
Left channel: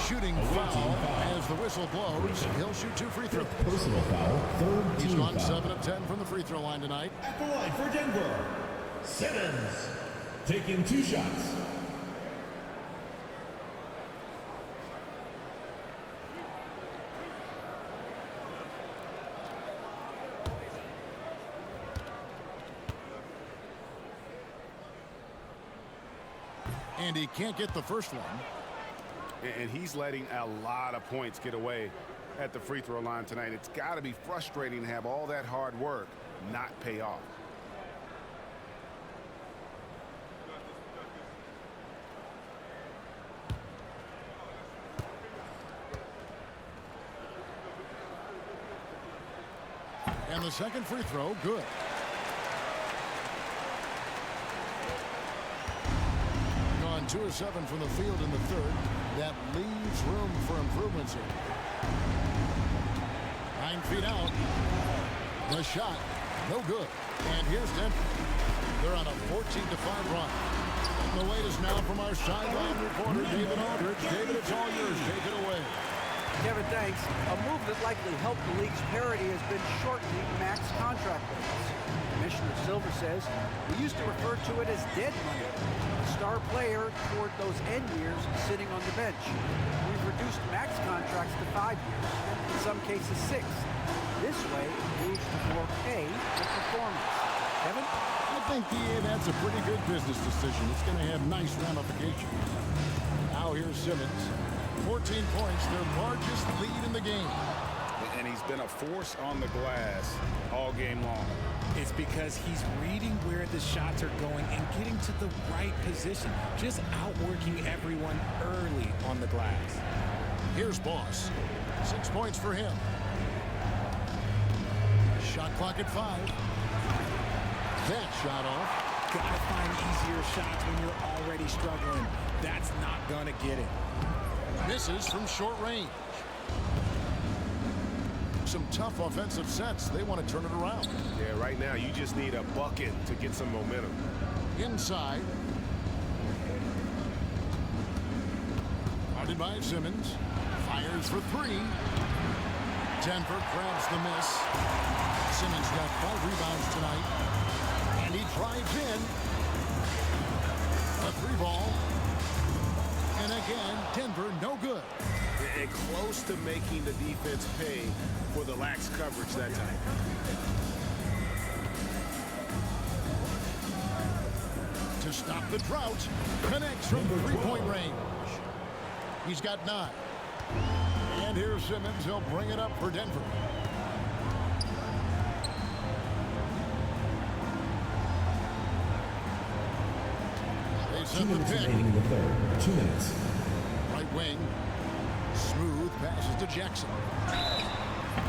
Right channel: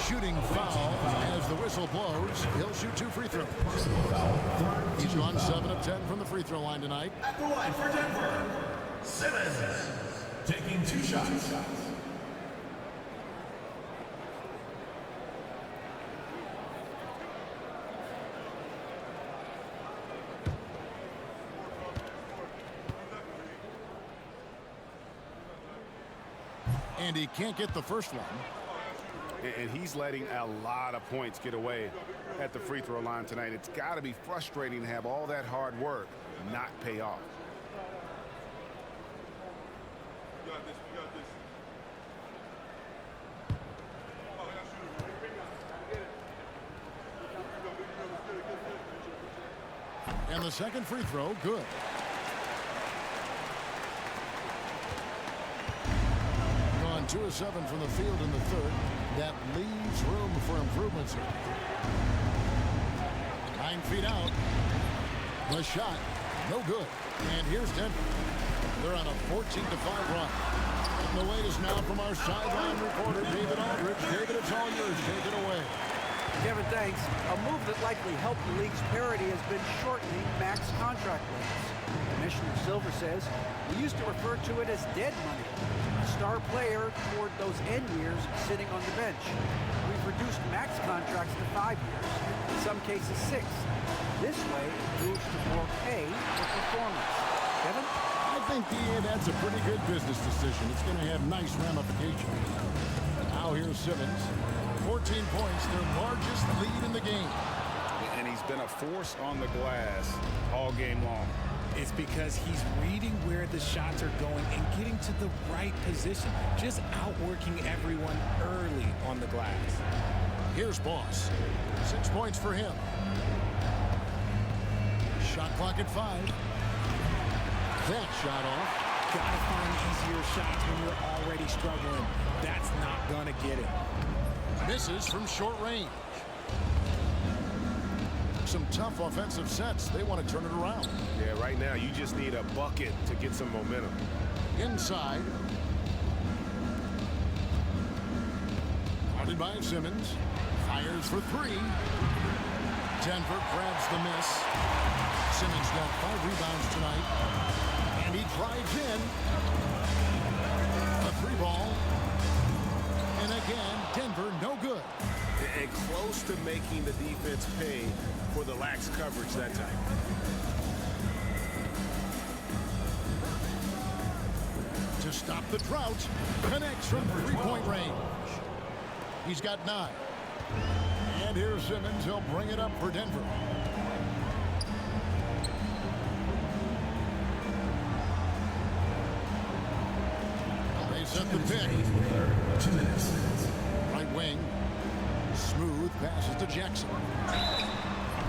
Shooting foul as the whistle blows. He'll shoot 2 free throws. Personal foul, third He's team gone foul. 7 of 10 from the free throw line tonight. At the line for Denver, Simmons, taking 2 shots. And he can't get the first one. And he's letting a lot of points get away at the free throw line tonight. It's got to be frustrating to have all that hard work not pay off. And the second free throw, good. Gone 2 of 7 from the field in the third. That leaves room for improvements here. 9 feet out. The shot, no good. And here's Denver. They're on a 14-5 run. And the wait is now from our sideline reporter, David Aldridge. David, it's all yours. Take it away. Kevin, thanks. A move that likely helped the league's parity has been shortening max contract lengths. Commissioner Silver says we used to refer to it as dead money. A star player toward those end years sitting on the bench. We've reduced max contracts to 5 years, and in some cases 6. This way, it moves to more pay for performance. Kevin? I think, that's a pretty good business decision. It's going to have nice ramifications. Now here's Simmons. 14 points, their largest lead in the game. And he's been a force on the glass all game long. It's because he's reading where the shots are going and getting to the right position. Just outworking everyone early on the glass. Here's Boss. 6 points for him. Shot clock at 5. That shot off. Gotta find easier shots when you're already struggling. That's not gonna get it. Misses from short range. Some tough offensive sets. They want to turn it around. Yeah, right now you just need a bucket to get some momentum. Inside. Guarded by Simmons. Fires for 3. Denver grabs the miss. Simmons got 5 rebounds tonight. And he drives in. A 3-ball. And again, Denver no good. And close to making the defense pay for the lax coverage that time. To stop the drought, connects from 3-point range. He's got 9. And here's Simmons. He'll bring it up for Denver. They set the pick. In the third, 2 minutes. Right wing. Smooth passes to Jackson.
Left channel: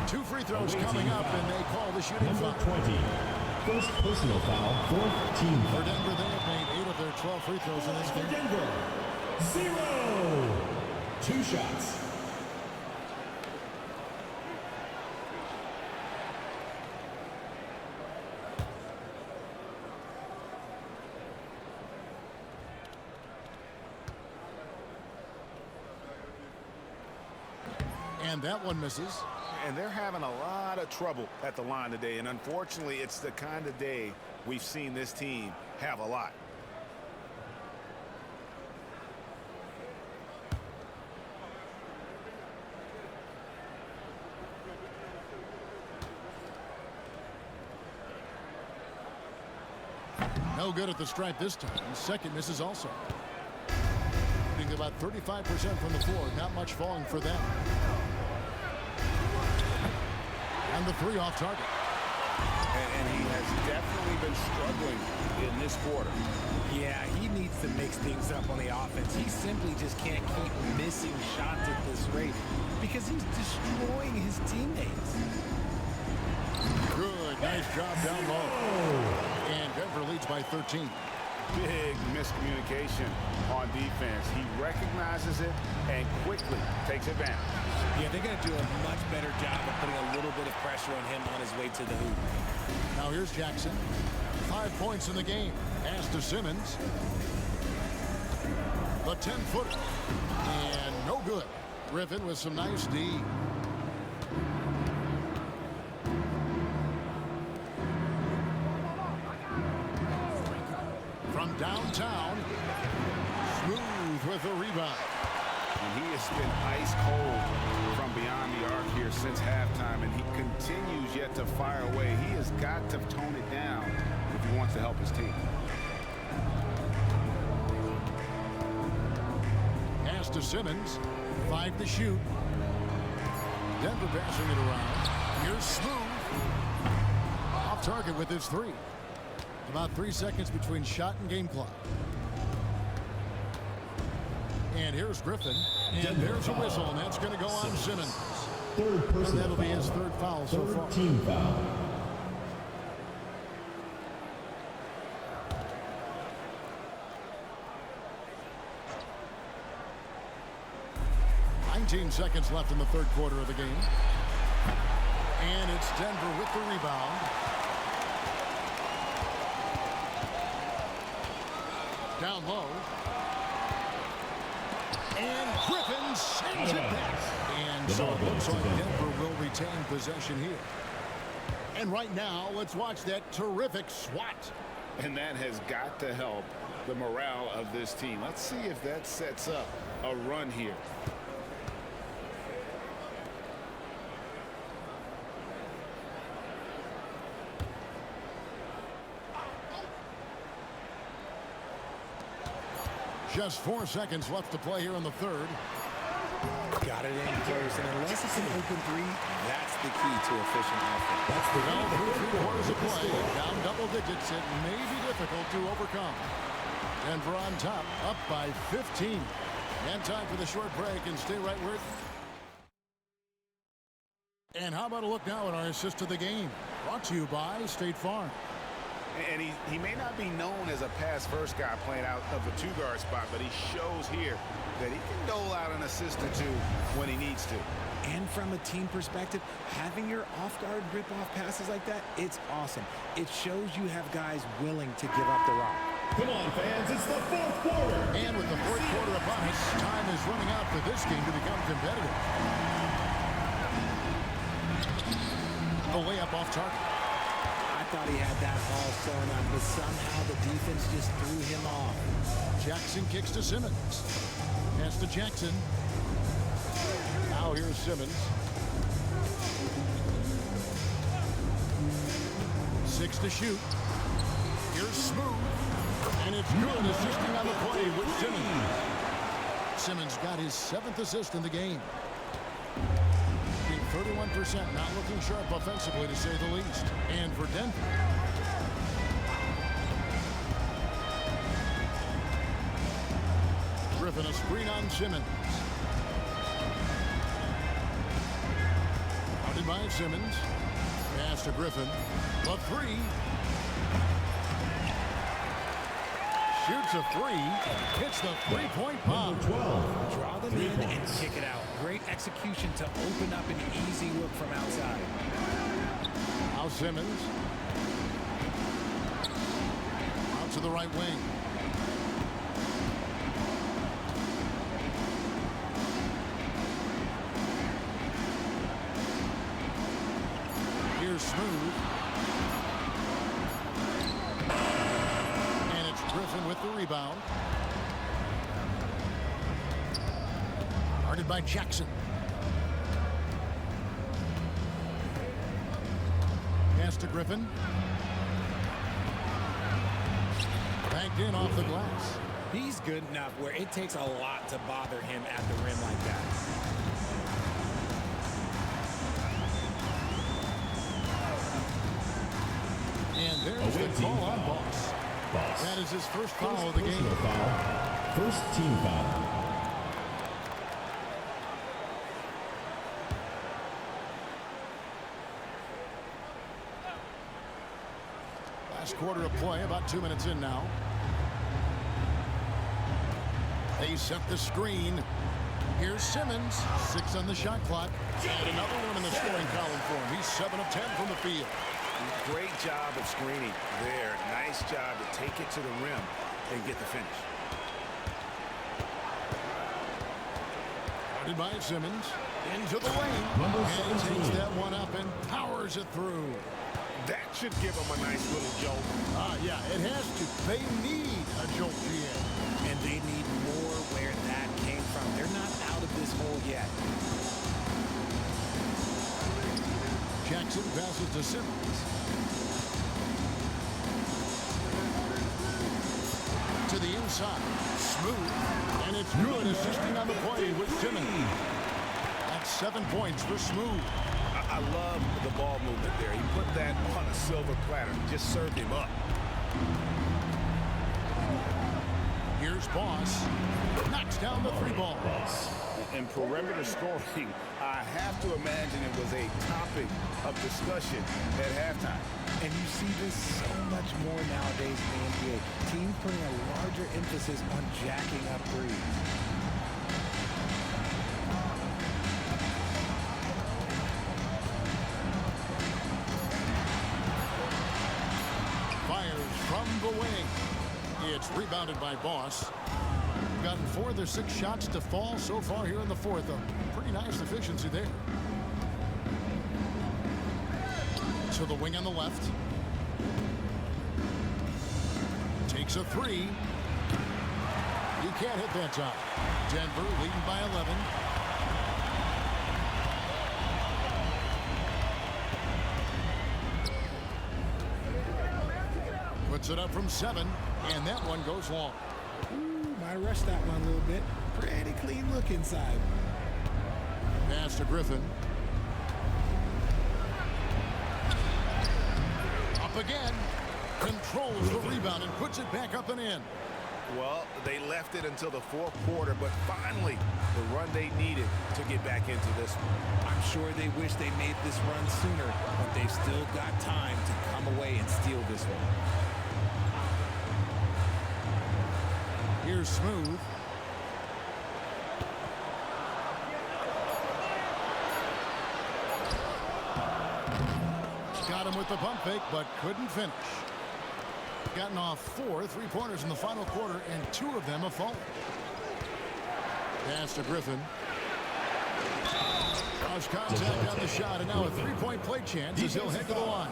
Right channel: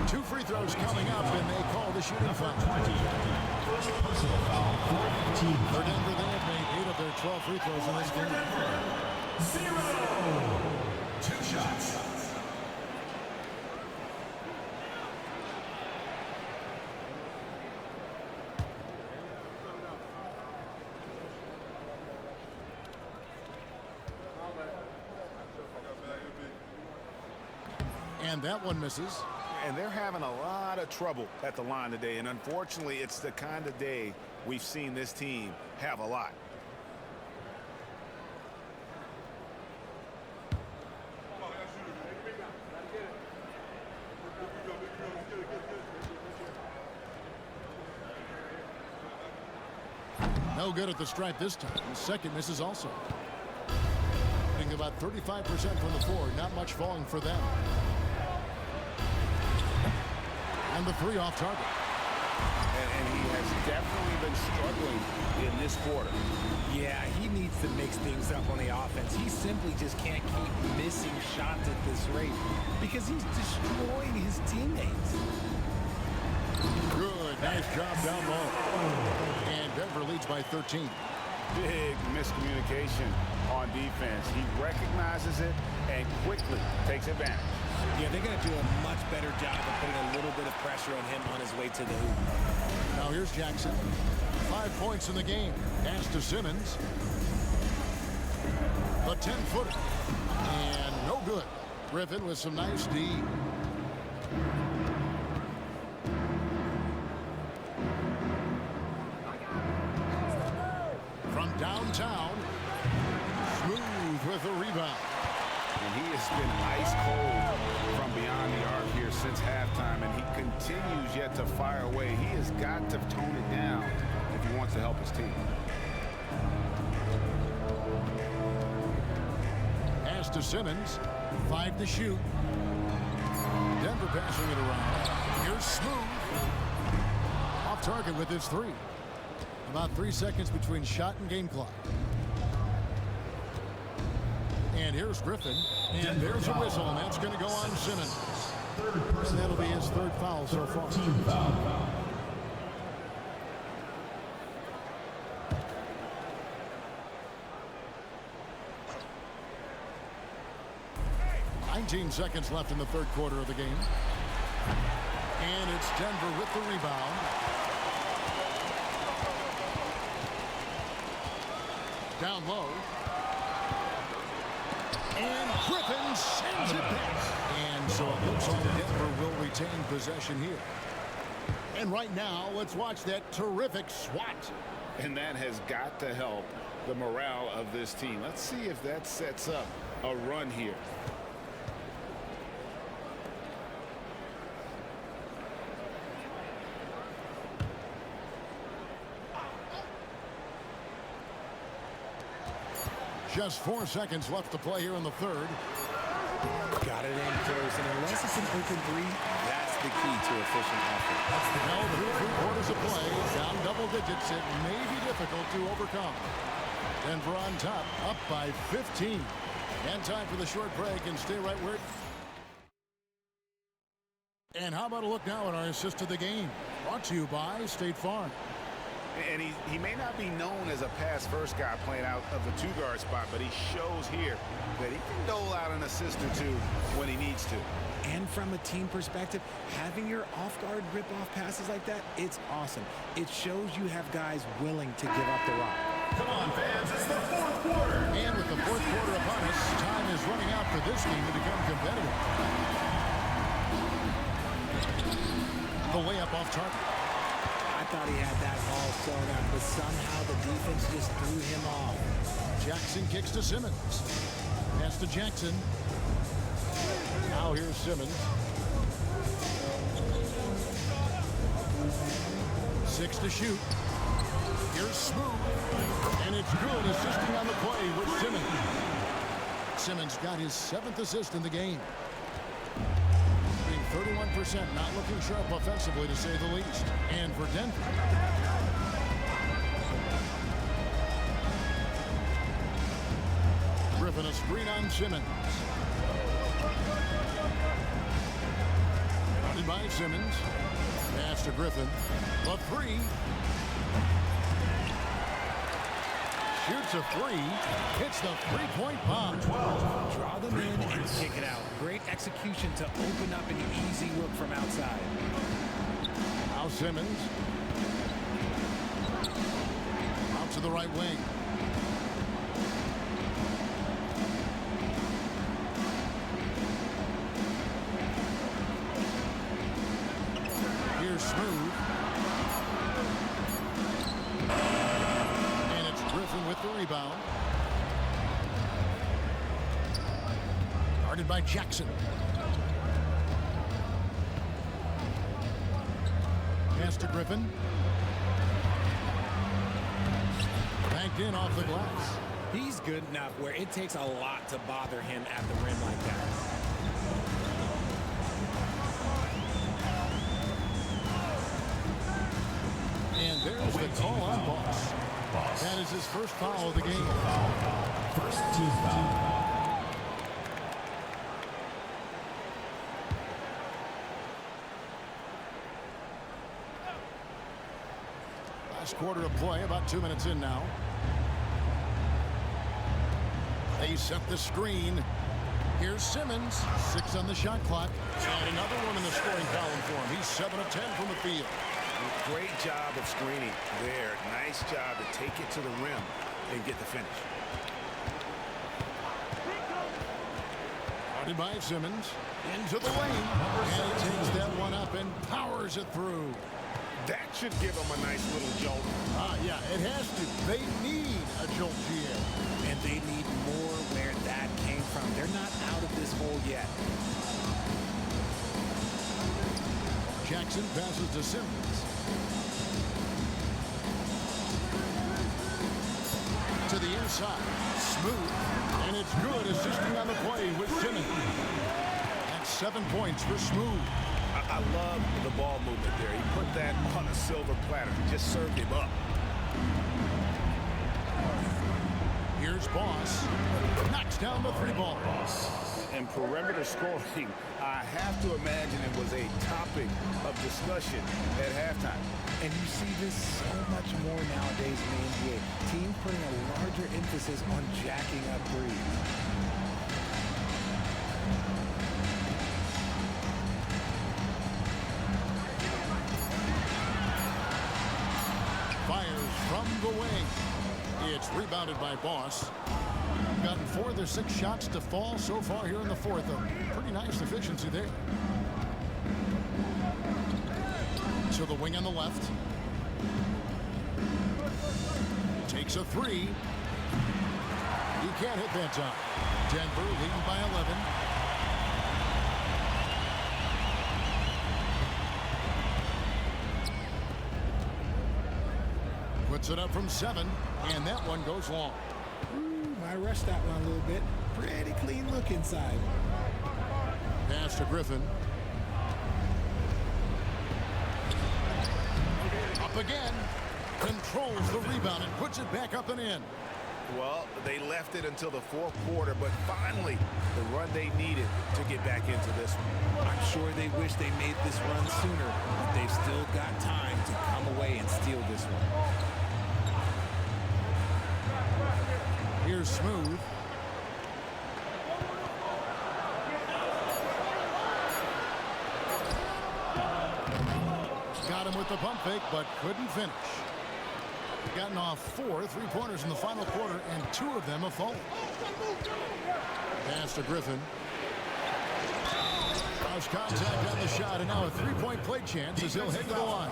2 free throws coming up, and they call the shooting Number foul. 20. First personal foul, 4th team For foul. Denver, they have made 8 of their 12 free throws in this For game. Denver, 0. 2 shots. And that one misses. And they're having a lot of trouble at the line today. And unfortunately, it's the kind of day we've seen this team have a lot. No good at the stripe this time. Second misses also. Shooting about 35% from the floor. Not much falling for them. And the 3 off target. And he has definitely been struggling in this quarter. Yeah, he needs to mix things up on the offense. He simply just can't keep missing shots at this rate because he's destroying his teammates. Good. Nice job down low. And Denver leads by 13. Big miscommunication on defense. He recognizes it and quickly takes advantage. Yeah, they're going to do a much better job of putting a little bit of pressure on him on his way to the hoop. Now here's Jackson. 5 points in the game. Pass to Simmons. The 10-footer. And no good. Griffin with some nice D. From downtown. Smooth with a rebound. And he has been ice cold from beyond the arc here since halftime, and he continues yet to fire away. He has got to tone it down if he wants to help his team. Pass to Simmons. 5 to shoot. Denver passing it around. Here's Smooth. Off target with his 3. About 3 seconds between shot and game clock. And here's Griffin. And there's a whistle, and that's going to go on Simmons. And that'll be his 3rd foul so far. Team foul. $19 seconds left in the 3rd quarter of the game. And it's Denver with the rebound. Down low. And Griffin sends it back. And so it looks like Denver will retain possession here. And right now, let's watch that terrific swat. And that has got to help the morale of this team. Let's see if that sets up a run here. Just 4 seconds left to play here in the 3rd. Got it in close, and unless it's an open 3, that's the key to efficient offense. Well, through 3 quarters of play, down double digits, it may be difficult to overcome. Denver on top, up by 15. And time for the short break, and stay right where it... And how about a look now at our assist to the game? Brought to you by State Farm. And he may not be known as a pass-first guy playing out of the 2-guard spot, but he shows here that he can dole out an assist or 2 when he needs to. And from a team perspective, having your off-guard rip-off passes like that, it's awesome. It shows you have guys willing to give up the rock. Come on, fans, it's the 4th quarter. And with the 4th quarter upon us, time is running out for this game to become competitive. The layup off target. I thought he had that all sewn up, but somehow the defense just threw him off. Jackson kicks to Simmons. Pass to Jackson. Now here's Simmons. 6 to shoot. Here's Smooth. And it's good, assisting on the play with Simmons. Simmons got his 7th assist in the game. Being 31%, not looking sharp offensively, to say the least. And for Denver, Griffin a screen on Simmons. Guarded by Simmons. Pass to Griffin. The 3. Shoots a 3. Hits the 3-point bomb. 12. Draw them in and kick it out. Great execution to open up an easy look from outside. Now Simmons. Out to the right wing. Here's Smooth. And it's Griffin with the rebound. Guarded by Jackson. Pass to Griffin. Banked in off the glass. He's good enough where it takes a lot to bother him at the rim like that. And there's the call on Boss. That is his first foul of the game. First team foul. Last quarter of play, about 2 minutes in now. They set the screen. Here's Simmons, 6 on the shot clock, and another one in the scoring column for him. He's 7 of 10 from the field. Great job of screening there. Nice job to take it to the rim and get the finish. Guarded by Simmons, into the lane, and he takes that one up and powers it through. That should give them a nice little jolt. Yeah, it has to. They need a jolt, GA. And they need more where that came from. They're not out of this hole yet. Jackson passes to Simmons. To the inside. Smooth. And it's good, assisting on the play with Simmons. That's 7 points for Smooth. I love the ball movement there. He put that on a silver platter. Just served him up. Here's Boss. Knocks down the 3 ball. And perimeter scoring, I have to imagine it was a topic of discussion at halftime. And you see this so much more nowadays in the NBA. Teams putting a larger emphasis on jacking up threes. Fires from the wing. It's rebounded by Boss. Gotten 4 of their 6 shots to fall so far here in the 4th. A pretty nice efficiency there. To the wing on the left. Takes a 3. He can't hit that time. Denver leading by 11. Puts it up from 7, and that one goes long. Might rush that one a little bit. Pretty clean look inside. Pass to Griffin. Up again. Controls the rebound and puts it back up and in. Well, they left it until the 4th quarter, but finally the run they needed to get back into this one. I'm sure they wish they made this run sooner, but they've still got time to come away and steal this one. Here's Smooth. Got him with the pump fake, but couldn't finish. Gotten off 4 3-pointers in the final quarter, and 2 of them have fallen. Pass to Griffin. Cross contact on the shot, and now a 3-point play chance as he'll head to the line.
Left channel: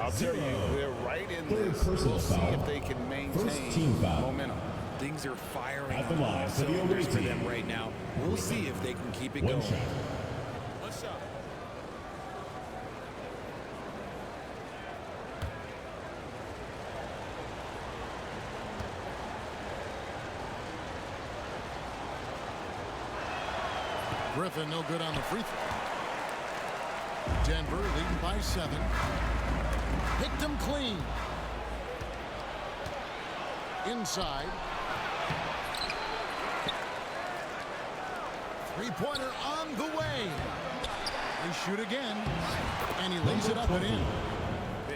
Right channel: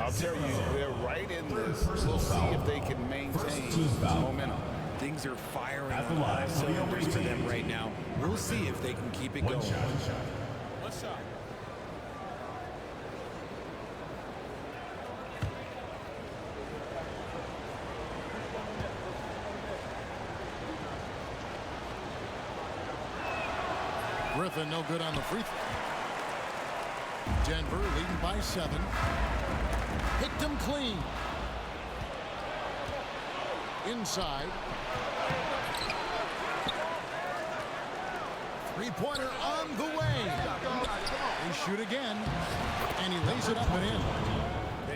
I'll tell you, they're right in this. We'll see if they can maintain momentum. Things are firing on all cylinders for them right now. We'll see if they can keep it going. One shot. Griffin no good on the free throw. Denver leading by 7. Picked him clean. Inside. 3-pointer on the way. They shoot again, and he lays it up and in.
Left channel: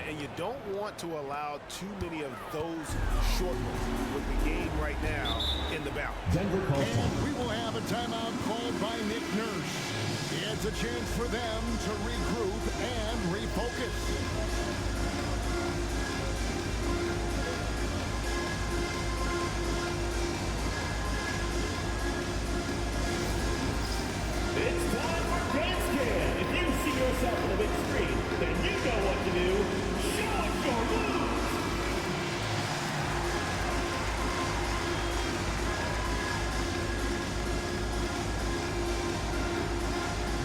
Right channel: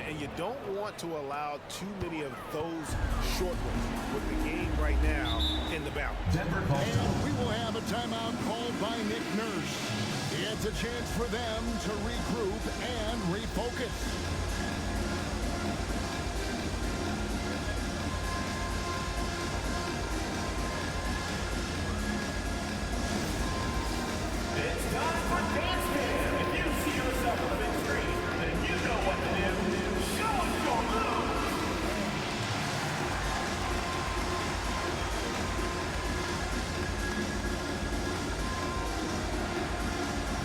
And you don't want to allow too many of those short ones with the game right now in the balance. And we will have a timeout called by Nick Nurse. It's a chance for them to regroup and refocus. It's time for Dance Cam. If you see yourself on the big screen, then you know what to do. Show us your moves.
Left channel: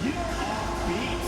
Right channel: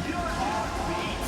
You're offbeat.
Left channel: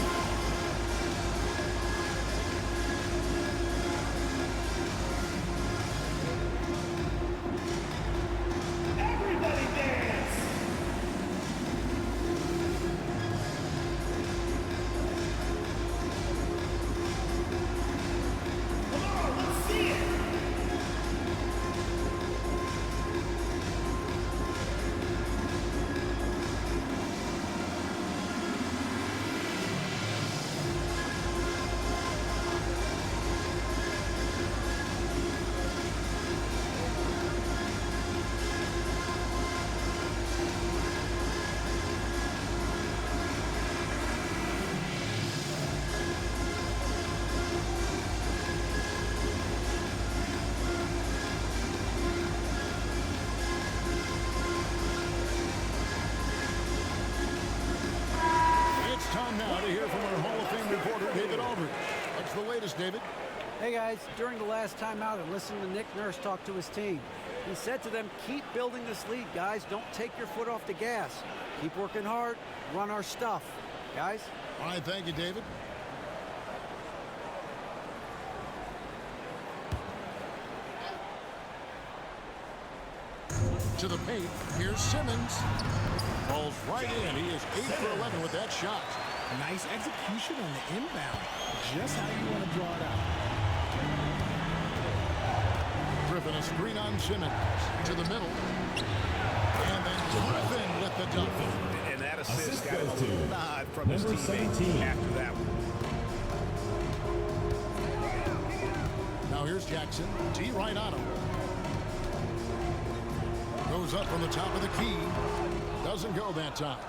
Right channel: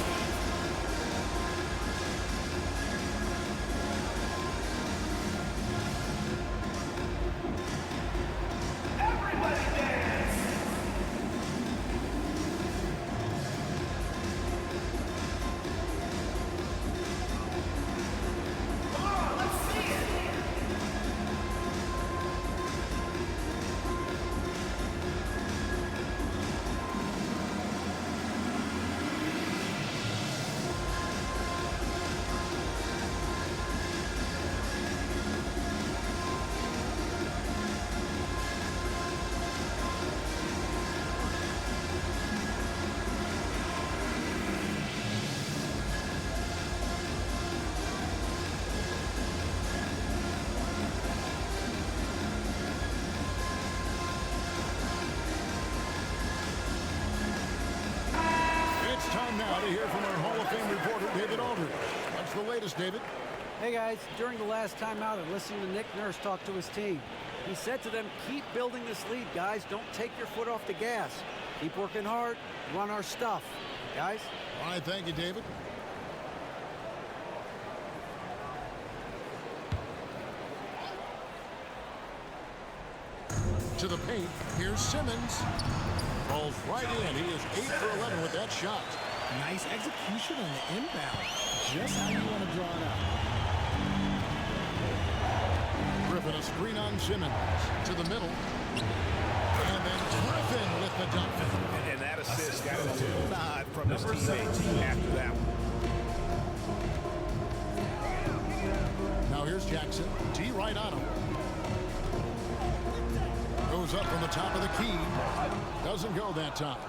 now to hear from our Hall of Fame reporter, David Aldridge. What's the latest, David? Hey guys, during the last timeout, I listened to Nick Nurse talk to his team. He said to them, keep building this lead, guys. Don't take your foot off the gas. Keep working hard. Run our stuff. Guys? All right, thank you, David. To the paint. Here's Simmons. Falls right in. He is 8 for 11 with that shot. Nice execution on the inbound. Just how you want to draw it out. Griffin, a screen on Simmons. To the middle. And then Griffin with the dunk. And that assist got him a little nod from his teammate after that one. Now here's Jackson. T right on him. Goes up from the top of the key. Doesn't go that time.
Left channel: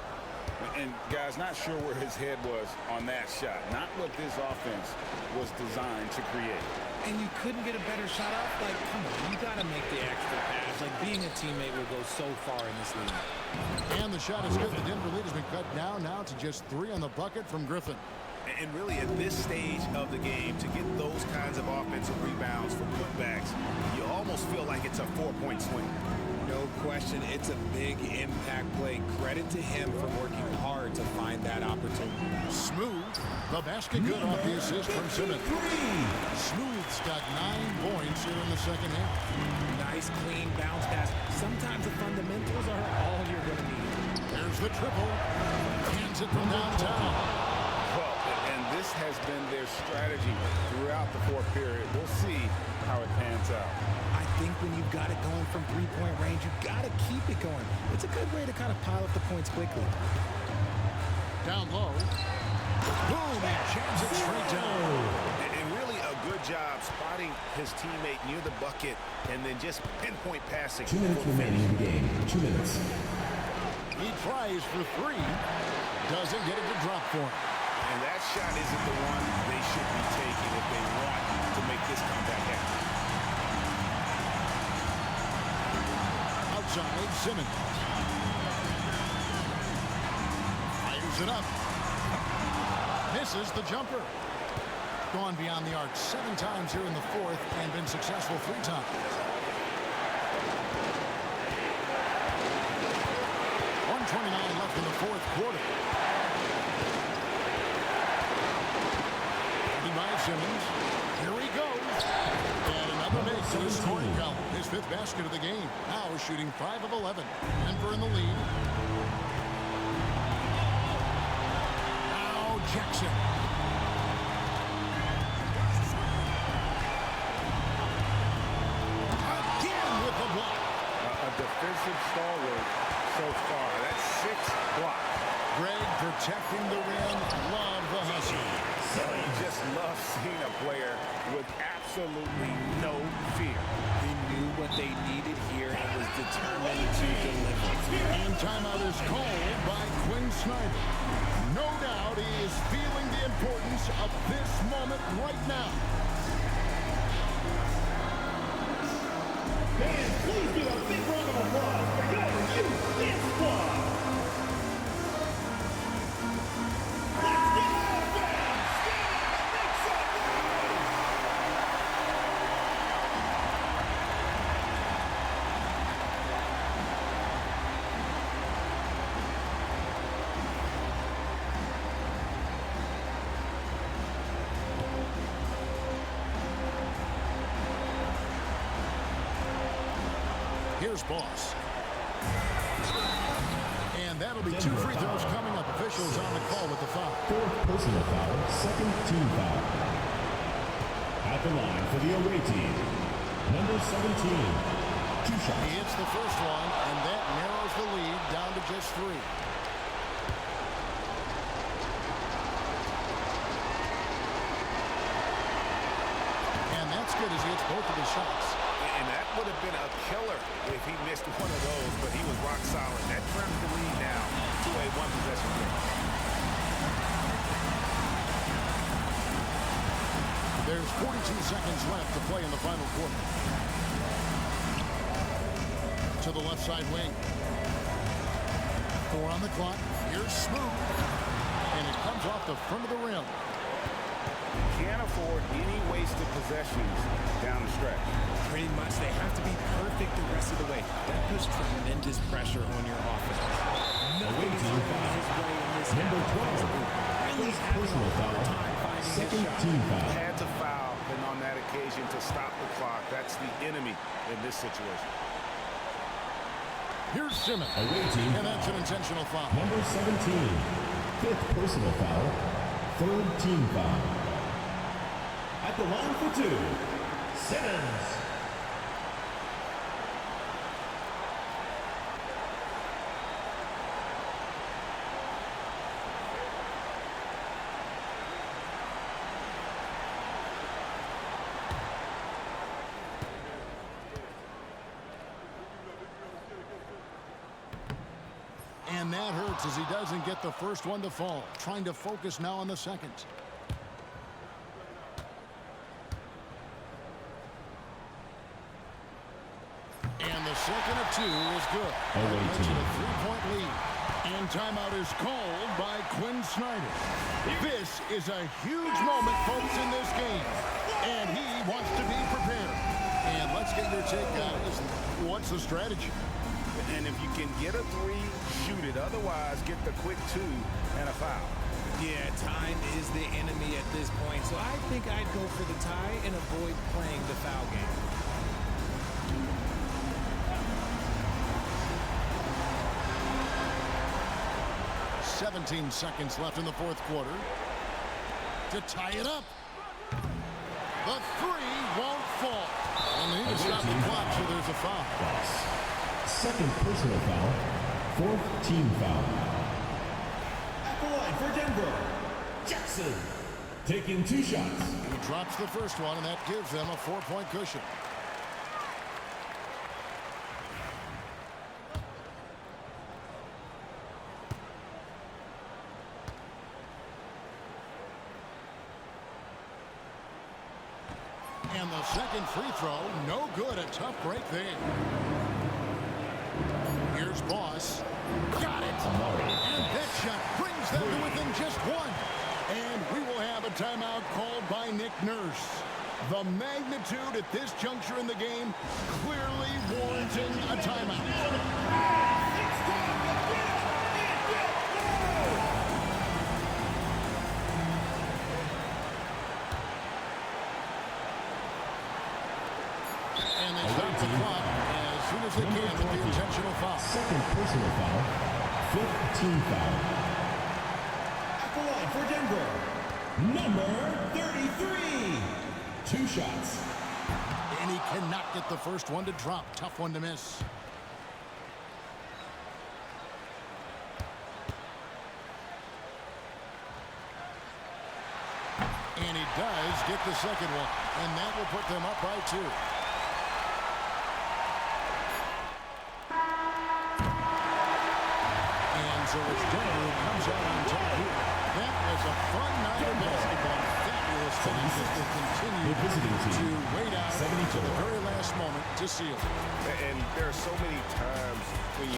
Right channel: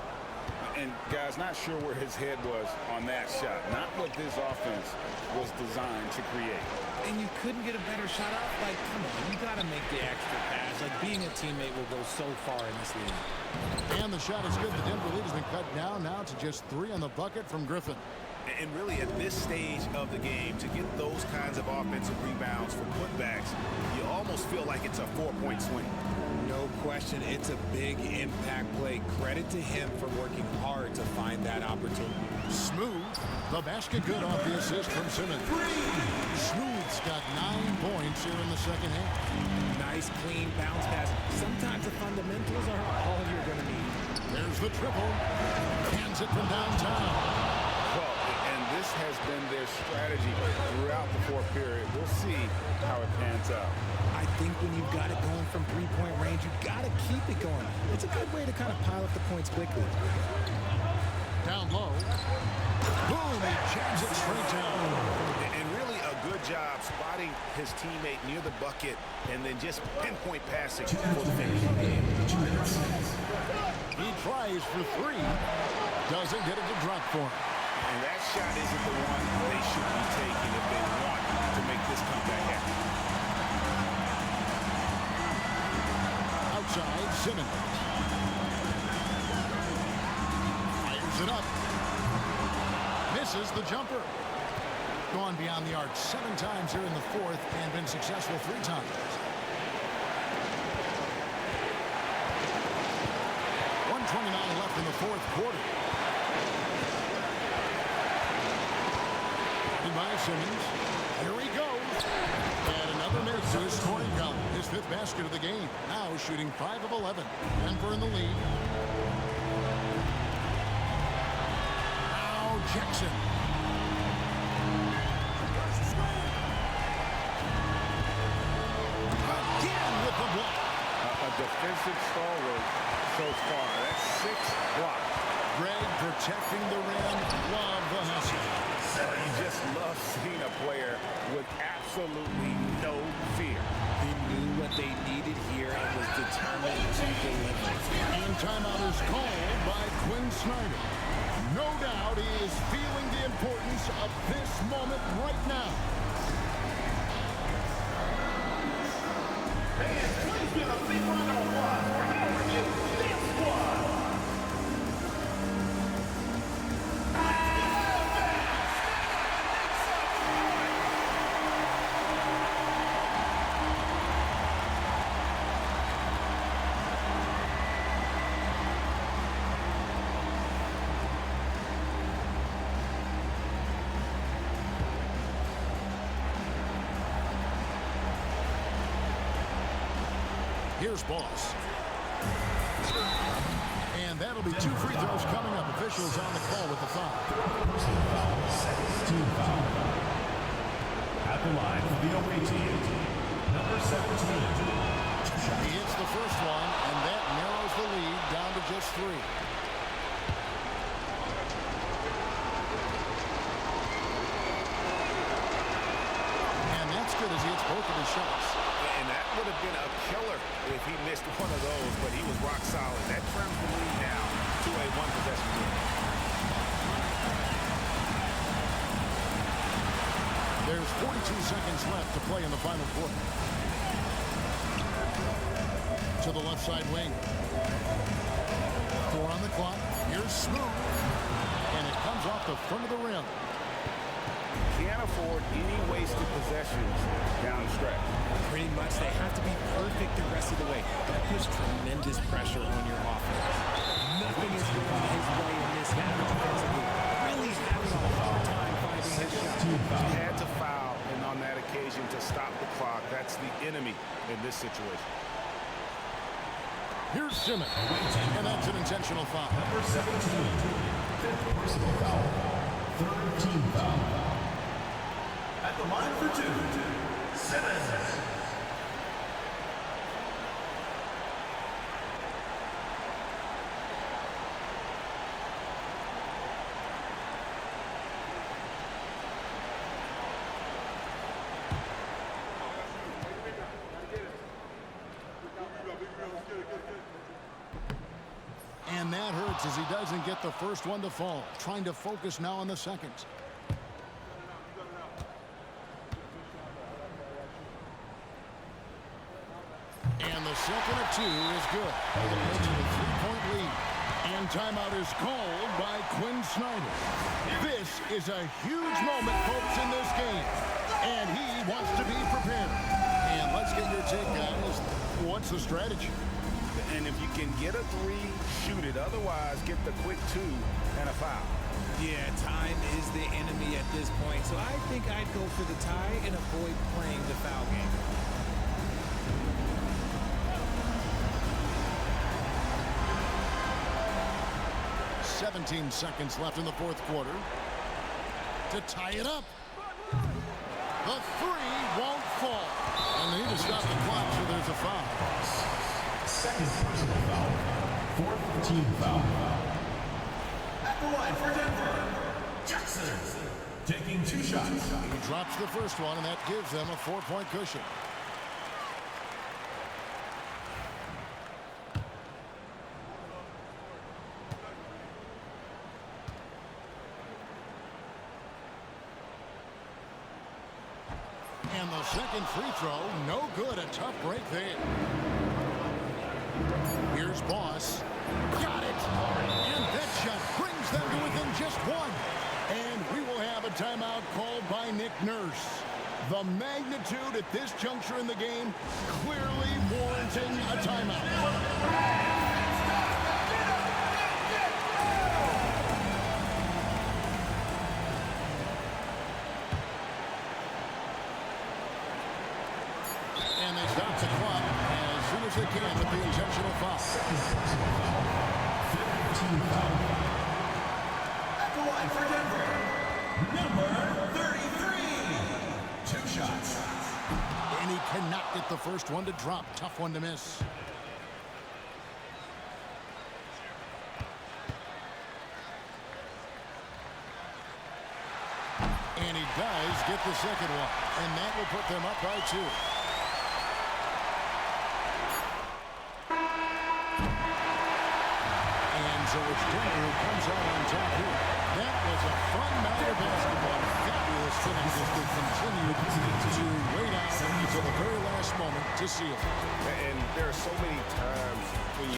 And guys, not sure where his head was on that shot. Not what this offense was designed to create. And you couldn't get a better shot off? Like, come on, you got to make the extra pass. Like, being a teammate will go so far in this league. And the shot is good. The Denver lead has been cut down now to just 3 on the bucket from Griffin. And really, at this stage of the game, to get those kinds of offensive rebounds for putbacks, you almost feel like it's a 4-point swing. No question, it's a big impact play. Credit to him for working hard to find that opportunity. Smooth. The basket good off the assist from Simmons. Smooth's got 9 points here in the second half. Nice, clean bounce pass. Sometimes the fundamentals are all you're going to need. There's the triple. Hands it from downtown. Well, and this has been their strategy throughout the fourth period. We'll see how it pans out. I think when you've got it going from three-point range, you've got to keep it going. It's a good way to kind of pile up the points quickly. Down low. Boom, he jams it straight down. And really a good job spotting his teammate near the bucket and then just pinpoint passing 2 minutes for the finish. remaining in the game. 2 minutes. He tries for 3. Doesn't get it to drop for him. And that shot isn't the one they should be taking if they want to make this comeback happen. Outside, Simmons. Fires it up. Misses the jumper. Gone beyond the arc 7 times here in the fourth and been successful 3 times. .129 left in the fourth quarter. Guarded by Simmons. Here he goes. And another make to his scoring column. His 5th basket of the game. Now shooting 5 of 11. Denver in the lead. Now Jackson. Again with the block. A defensive stalwart so far. That's 6 blocks. Greg protecting the rim. Love the hustle. You just love seeing a player with absolutely no fear. He knew what they needed here and was determined to deliver. And timeout is called by Quinn Snyder. No doubt he is feeling the importance of this moment right now. And please give a big round of applause for your Houston squad. Here's Boss. And that'll be 2 free throws coming up. Officials on the call with the foul. 4th personal foul, 2nd team foul. At the line for the away team, number 17. 2 shots. He hits the first one, and that narrows the lead down to just 3. And that's good as he hits both of his shots. And that would have been a killer if he missed one of those, but he was rock solid. That trims the lead now to a 1-possession game. There's 42 seconds left to play in the final quarter. To the left side wing. 4 on the clock. Here's Smooth. And it comes off the front of the rim. Can't afford any wasted possessions down the stretch. Pretty much, they have to be perfect the rest of the way. That puts tremendous pressure on your offense. Nothing is going his way in this half offensively. Really having a hard time finding his shot. He had to foul, and on that occasion to stop the clock. That's the enemy in this situation. Here's Simmons. And that's an intentional foul. Number 17. 5th personal foul. 3rd team foul. At the line for 2, Simmons. And that hurts as he doesn't get the first one to fall. Trying to focus now on the second. And the second of 2 is good. That makes it a 3-point lead. And timeout is called by Quinn Snyder. This is a huge moment, folks, in this game. And he wants to be prepared. And let's get your take, guys. What's the strategy? And if you can get a 3, shoot it. Otherwise, get the quick 2 and a foul. Yeah, time is the enemy at this point. So I think I'd go for the tie and avoid playing the foul game. "17 seconds left in the fourth quarter to tie it up. The 3 won't fall. And they need to stop the clock, so there's a foul. 2nd personal foul. 4th team foul. At the line for Denver, Jackson. Taking 2 shots. He drops the first one, and that gives them a 4-point cushion. And the second free throw, no good. A tough break there. Here's Boss. Got it! And that shot brings them to within just 1. And we will have a timeout called by Nick Nurse. The magnitude at this juncture in the game clearly warranting a timeout. And they stop the clock as soon as they can with the intentional foul. 2nd personal foul. 5th team foul. At the line for Denver, number 33. 2 shots. And he cannot get the first one to drop. Tough one to miss. And he does get the second one. And that will put them up by 2. And so it's Denver who comes out on top here. That was a fun night of basketball. Fabulous finish as they continued to wait out until the very last moment to seal it. And there are so many times when you